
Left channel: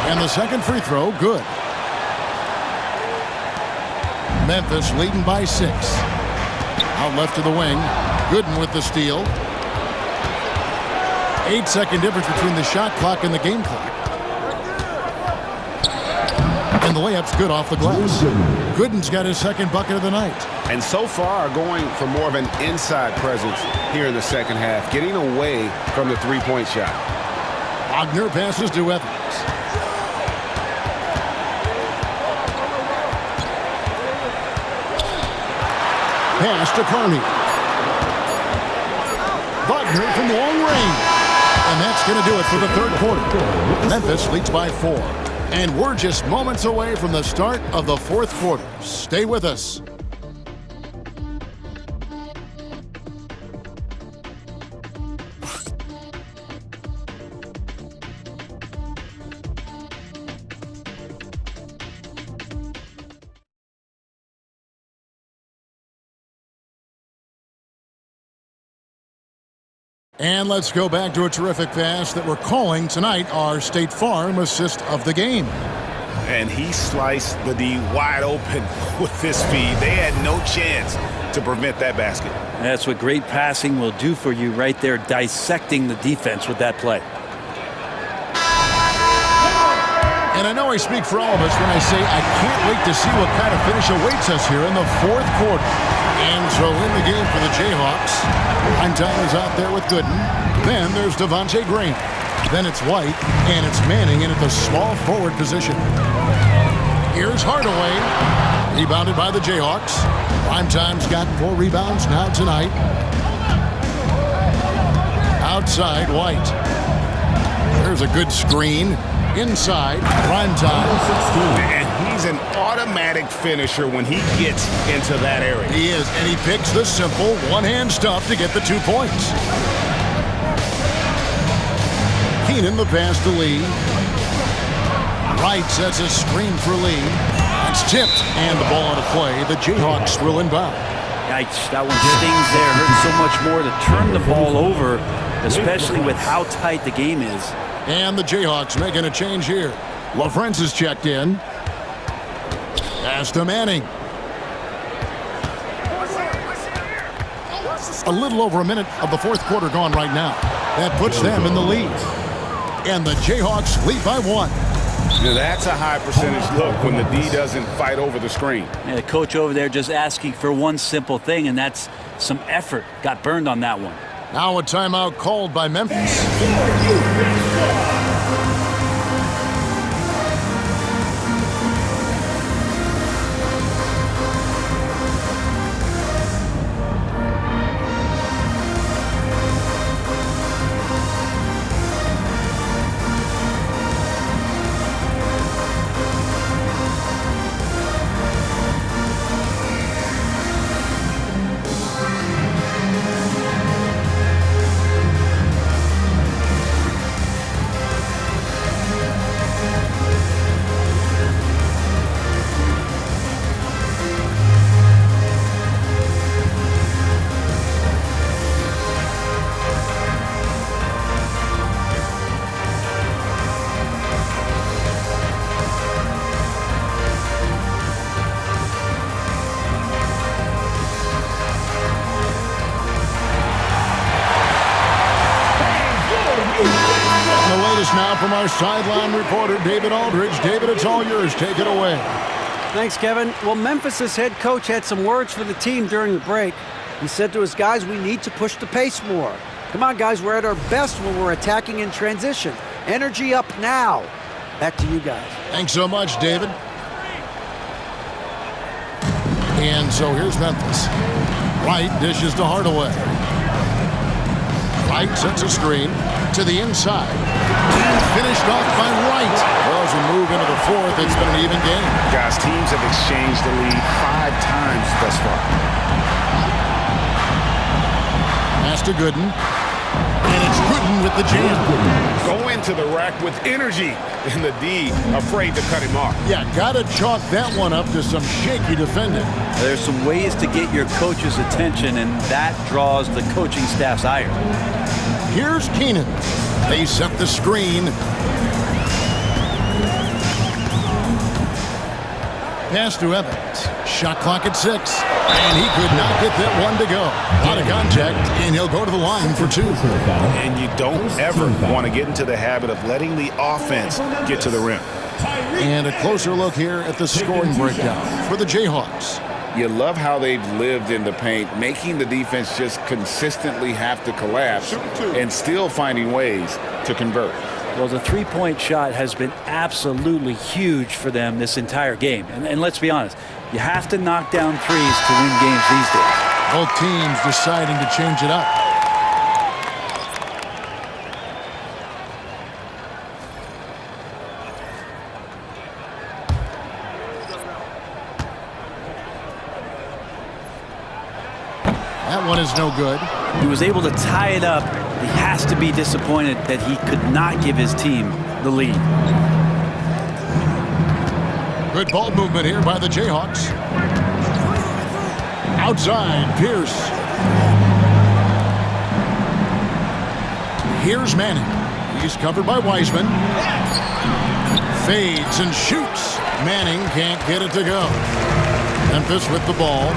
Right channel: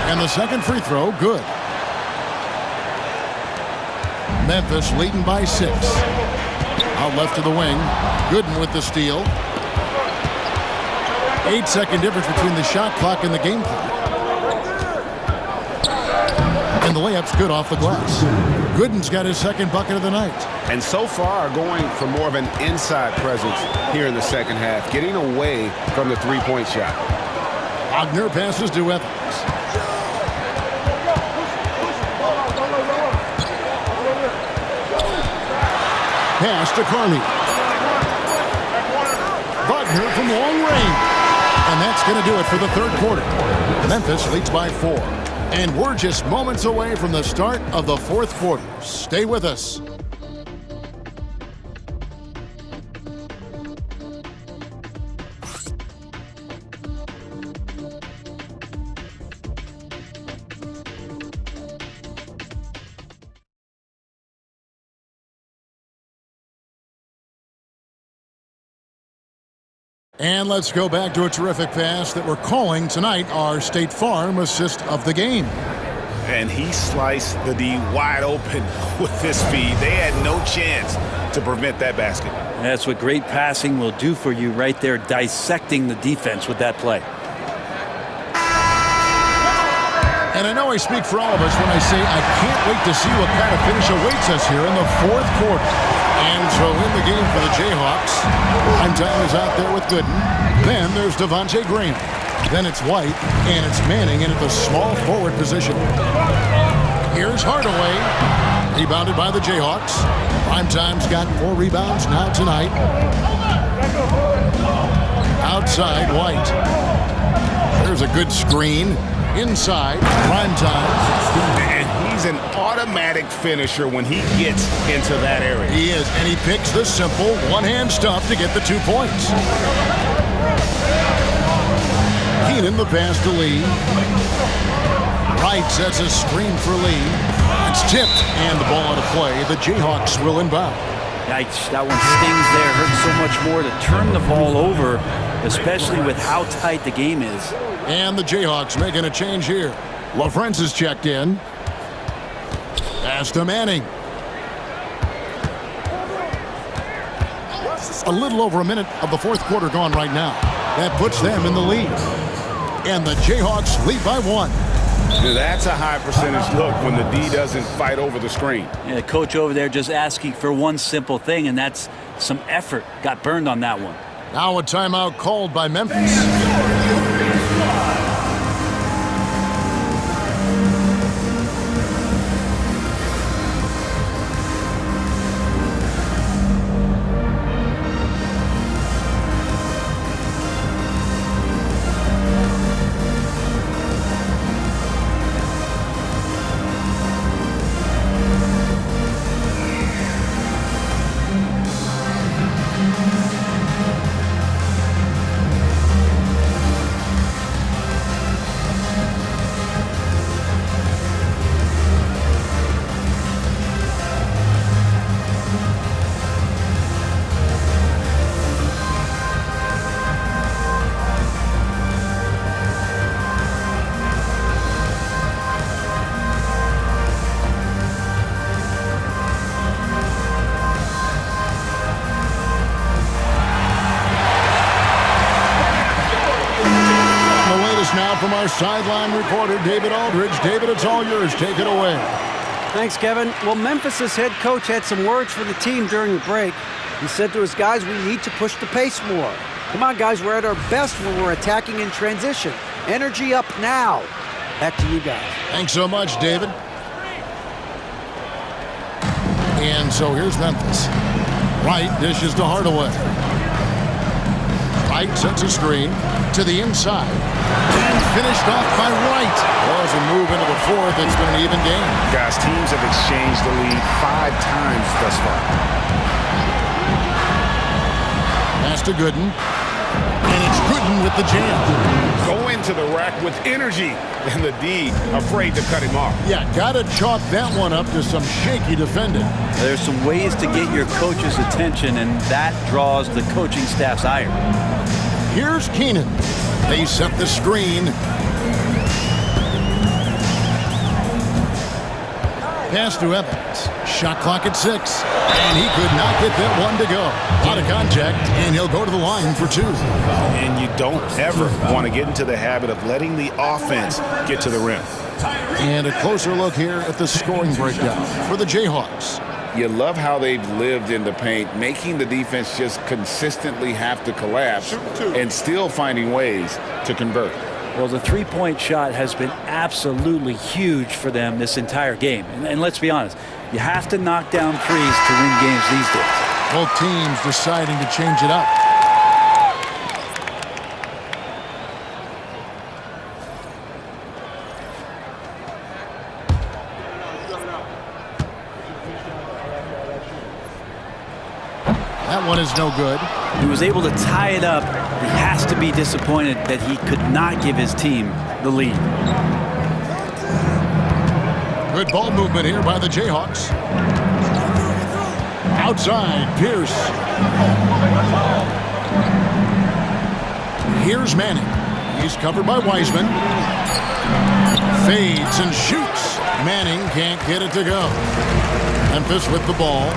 And the second free throw, good. Memphis leading by 6. Out left to the wing. Gooden with the steal. 8-second difference between the shot clock and the game clock. And the layup's good off the glass. Gooden's got his second bucket of the night. And so far, going for more of an inside presence here in the second half, getting away from the three-point shot. Wagner passes to Evans. pass to Kearney. Wagner from long range. And that's going to do it for the third quarter. Memphis leads by 4. And we're just moments away from the start of the fourth quarter. Stay with us. And let's go back to a terrific pass that we're calling tonight our State Farm assist of the game. And he sliced the D wide open with his speed. They had no chance to prevent that basket. That's what great passing will do for you right there, dissecting the defense with that play. And I know I speak for all of us when I say I can't wait to see what kind of finish awaits us here in the fourth quarter. And so in the game for the Jayhawks, Time is out there with Gooden. Then there's Devontae Graham. Then it's White, and it's Manning in at the small forward position. Here's Hardaway, rebounded by the Jayhawks. Primetime's got 4 rebounds now tonight. Outside, White. There's a good screen. Inside, Primetime. And he's an automatic finisher when he gets into that area. He is, and he picks the simple one-hand stuff to get the 2 points. Keenan the pass to Lee. Wright sets a screen for Lee. It's tipped, and the ball out of play. The Jayhawks will inbound. Yikes, that one stings there. Hurts so much more to turn the ball over, especially with how tight the game is. And the Jayhawks making a change here. LaFrance is checked in. Pass to Manning. A little over a minute of the fourth quarter gone right now. That puts them in the lead. And the Jayhawks lead by 1. Now that's a high percentage look when the D doesn't fight over the screen. Yeah, the coach over there just asking for one simple thing, and that's some effort. Got burned on that one. Now a timeout called by Memphis. The latest now from our sideline reporter, David Aldridge. David, it's all yours. Take it away. Thanks, Kevin. Well, Memphis's head coach had some words for the team during the break. He said to his guys, we need to push the pace more. Come on, guys, we're at our best when we're attacking in transition. Energy up now. Back to you guys. Thanks so much, David. And so here's Memphis. Wright dishes to Hardaway. Wright sets a screen to the inside. And finished off by Wright. Well, as we move into the fourth, it's been an even game. Guys, teams have exchanged the lead 5 times thus far. Pass to Gooden. And it's Gooden with the jam. Go into the rack with energy, and the D afraid to cut him off. Yeah, gotta chalk that one up to some shaky defending. There's some ways to get your coach's attention, and that draws the coaching staff's ire. Here's Keenan. They set the screen. Pass to Evans. Shot clock at 6. And he could not get that one to go. A lot of contact, and he'll go to the line for 2. And you don't ever want to get into the habit of letting the offense get to the rim. And a closer look here at the scoring breakdown for the Jayhawks. You love how they've lived in the paint, making the defense just consistently have to collapse and still finding ways to convert. Well, the three-point shot has been absolutely huge for them this entire game. And let's be honest, you have to knock down threes to win games these days. Both teams deciding to change it up. That one is no good. He was able to tie it up. He has to be disappointed that he could not give his team the lead. Good ball movement here by the Jayhawks. Outside, Pierce. Here's Manning. He's covered by Wiseman. Fades and shoots. Manning can't get it to go. Memphis with the ball.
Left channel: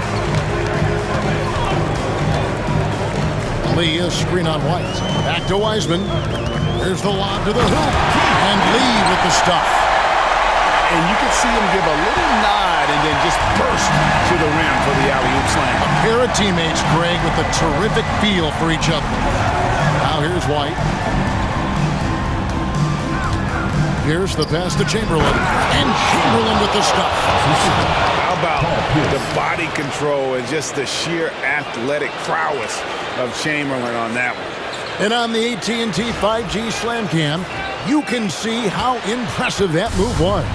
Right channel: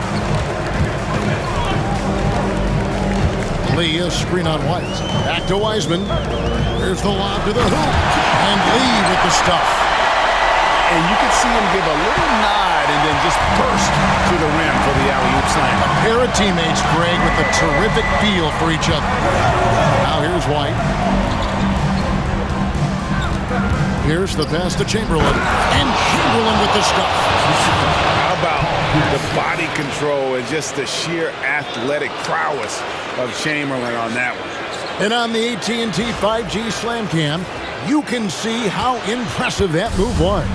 Lee, a screen on White. Back to Wiseman. Here's the lob to the hoop. And Lee with the stuff. And you could see him give a little nod and then just burst to the rim for the alley-oop slam. A pair of teammates, Greg, with a terrific feel for each other. Now here's White. Here's the pass to Chamberlain. And Chamberlain with the stuff. How about the body control and just the sheer athletic prowess of Chamberlain on that one. And on the AT&T 5G Slam Cam, you can see how impressive that move was.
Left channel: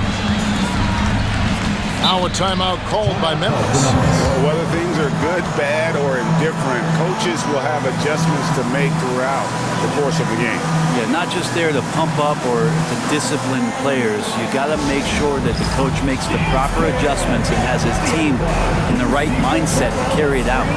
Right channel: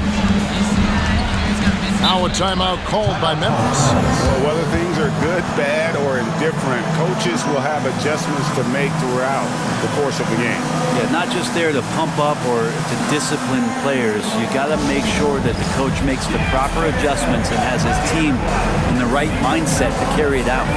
Now a timeout called by Memphis. Well, whether things are good, bad, or indifferent, coaches will have adjustments to make throughout the course of the game. Yeah, not just there to pump up or to discipline players. You got to make sure that the coach makes the proper adjustments and has his team in the right mindset to carry it out.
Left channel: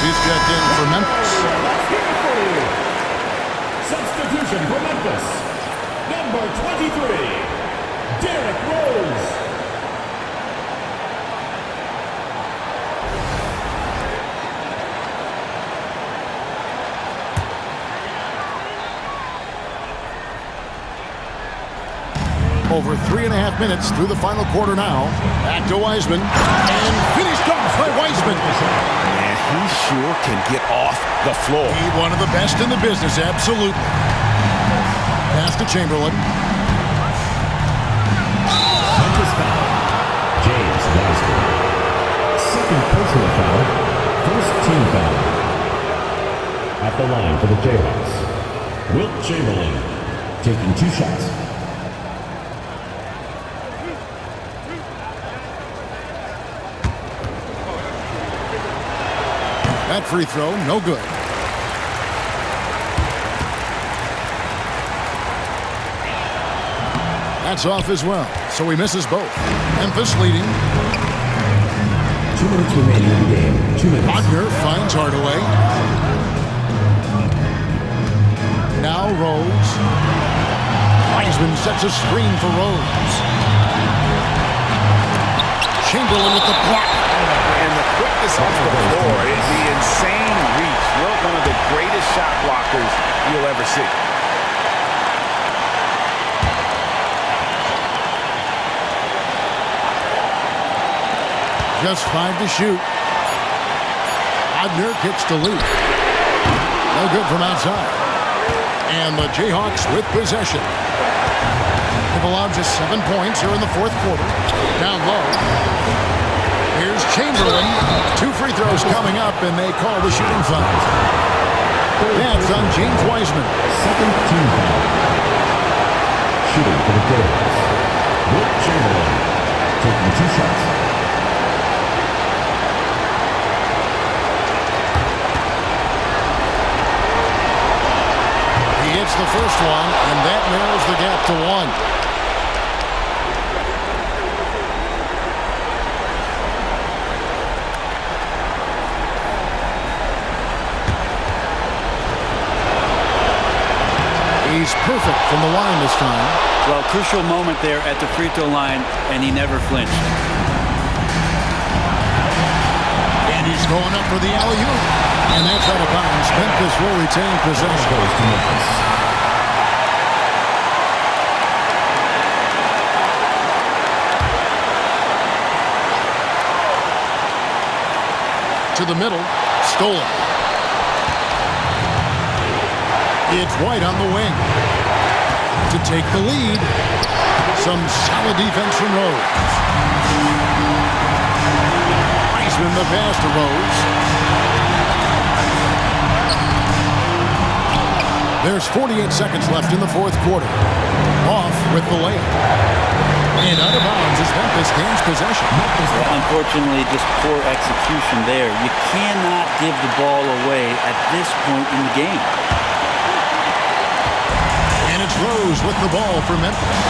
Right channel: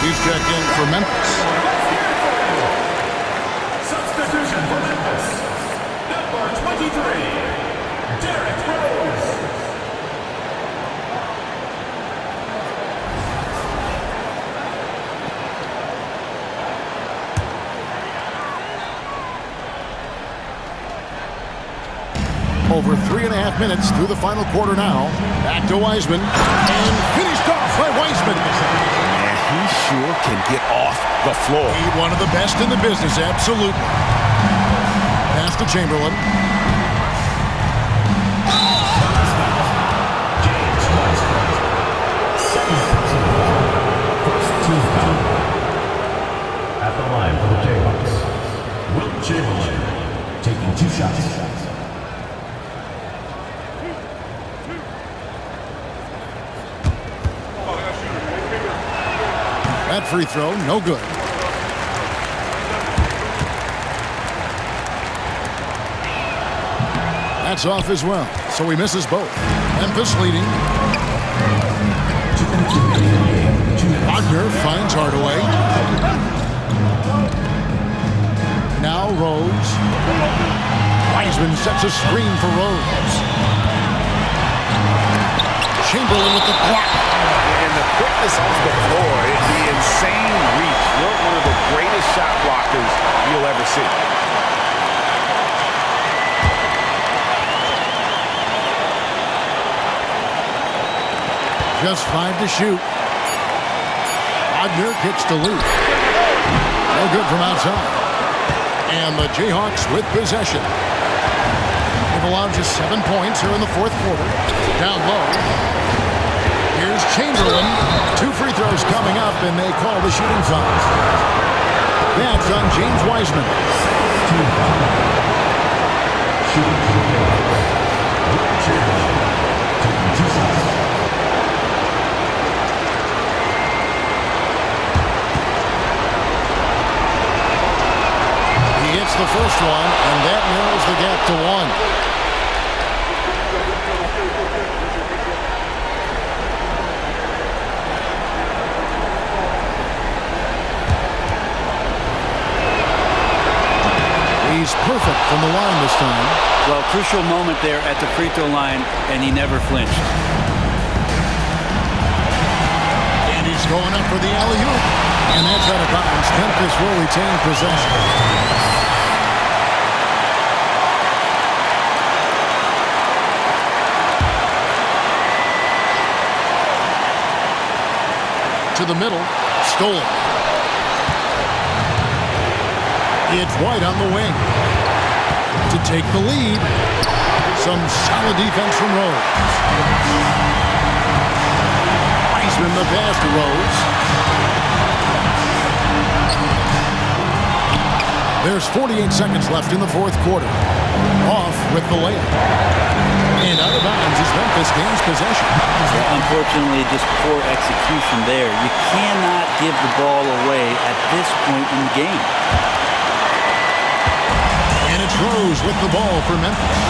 He's checked in for Memphis. Substitution for Memphis. Number 23, Derrick Rose. Over 3.5 minutes through the final quarter now. Back to Wiseman. And finished off by Wiseman. Man, he sure can get off the floor. He one of the best in the business, absolutely. Pass to Chamberlain. Memphis foul. James Wiseman. Second personal foul. First team foul. At the line for the Jayhawks, Wilt Chamberlain taking 2 shots. That free throw, no good. That's off as well, so he misses both. Memphis leading. 2 minutes remaining in the game. 2 minutes. Wagner finds Hardaway. Now Rose. Wiseman sets a screen for Rose. Chamberlain with the block. And the quickness off the floor, the insane reach. Wilt, one of the greatest shot blockers you'll ever see. Just 5 to shoot. Wagner kicks to Lee. No good from outside. And the Jayhawks with possession. They've allowed just 7 points here in the fourth quarter. Down low. Here's Chamberlain. 2 free throws coming up, and they call the shooting foul. That's on James Wiseman. Second team foul. Shooting for the Jayhawks, Wilt Chamberlain taking 2 shots. He hits the first one, and that narrows the gap to 1. He's perfect from the line this time. Well, crucial moment there at the free throw line, and he never flinched. And he's going up for the alley-oop. And that's out of bounds. Memphis will retain possession. To the middle. Stolen. It's White on the wing. To take the lead. Some solid defense from Rose. Wiseman the pass to Rose. There's 48 seconds left in the fourth quarter. Off with the layup. And out of bounds as Memphis gains possession. Yeah, unfortunately, just poor execution there. You cannot give the ball away at this point in the game. And it's Rose with the ball for Memphis.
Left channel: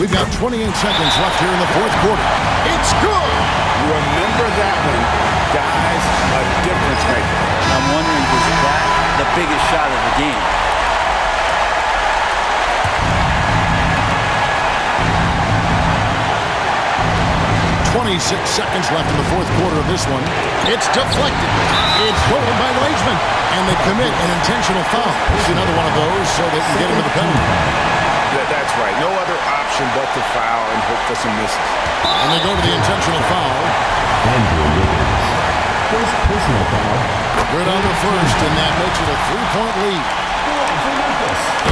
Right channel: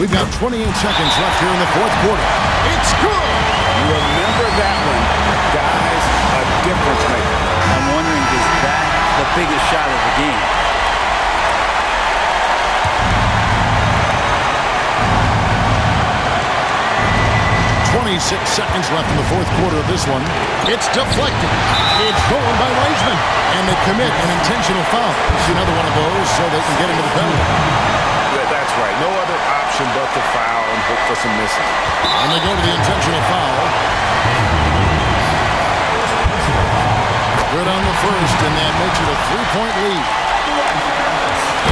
We've got 28 seconds left here in the fourth quarter. It's good! Remember that one. Guys, a difference maker. I'm wondering, is that the biggest shot of the game? 26 seconds left in the fourth quarter of this one. It's deflected. It's stolen by Wiseman. And they commit an intentional foul. It's another one of those so they can get into the penalty. That's right. No other option but to foul and hope for some misses. And they go to the intentional foul. First personal foul. Good on the first, and that makes it a 3-point lead.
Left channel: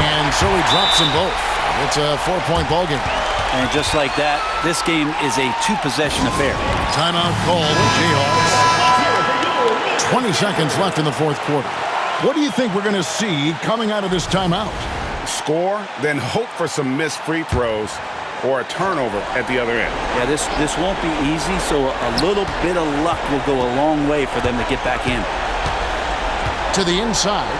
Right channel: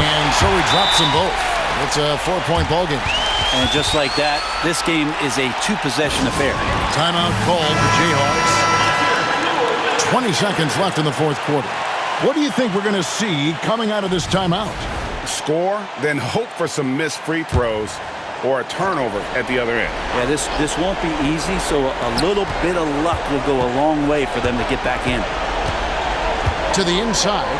And so he drops them both. It's a 4-point ball game. And just like that, this game is a two-possession affair. Timeout called the Jayhawks. 20 seconds left in the fourth quarter. What do you think we're going to see coming out of this timeout? Score, then hope for some missed free throws or a turnover at the other end. Yeah, this won't be easy, so a little bit of luck will go a long way for them to get back in. To the inside.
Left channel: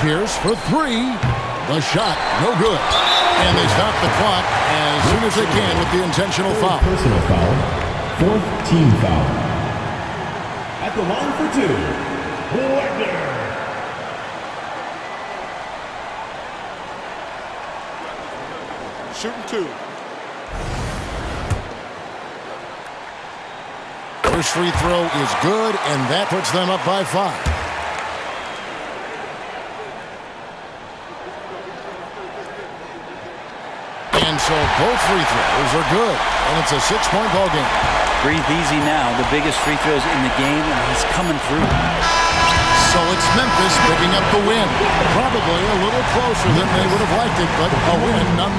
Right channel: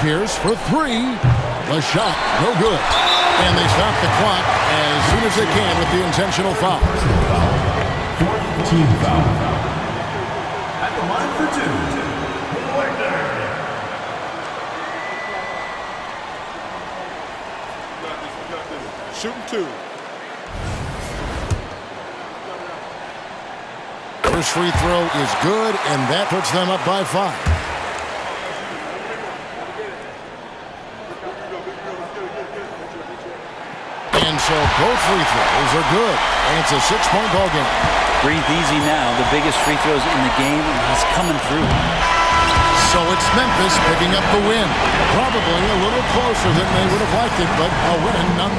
Pierce for three. The shot, no good. And they stop the clock as soon as they can with the intentional foul. Personal foul. Fourth team foul. At the line for two. Wagner. Shooting two. First free throw is good, and that puts them up by 5. And so both free throws are good, and it's a 6-point ball game. Breathe easy now. The biggest free throws in the game, and he's coming through. So it's Memphis picking up the win. Probably a little closer than they would have liked it, but a win nonetheless.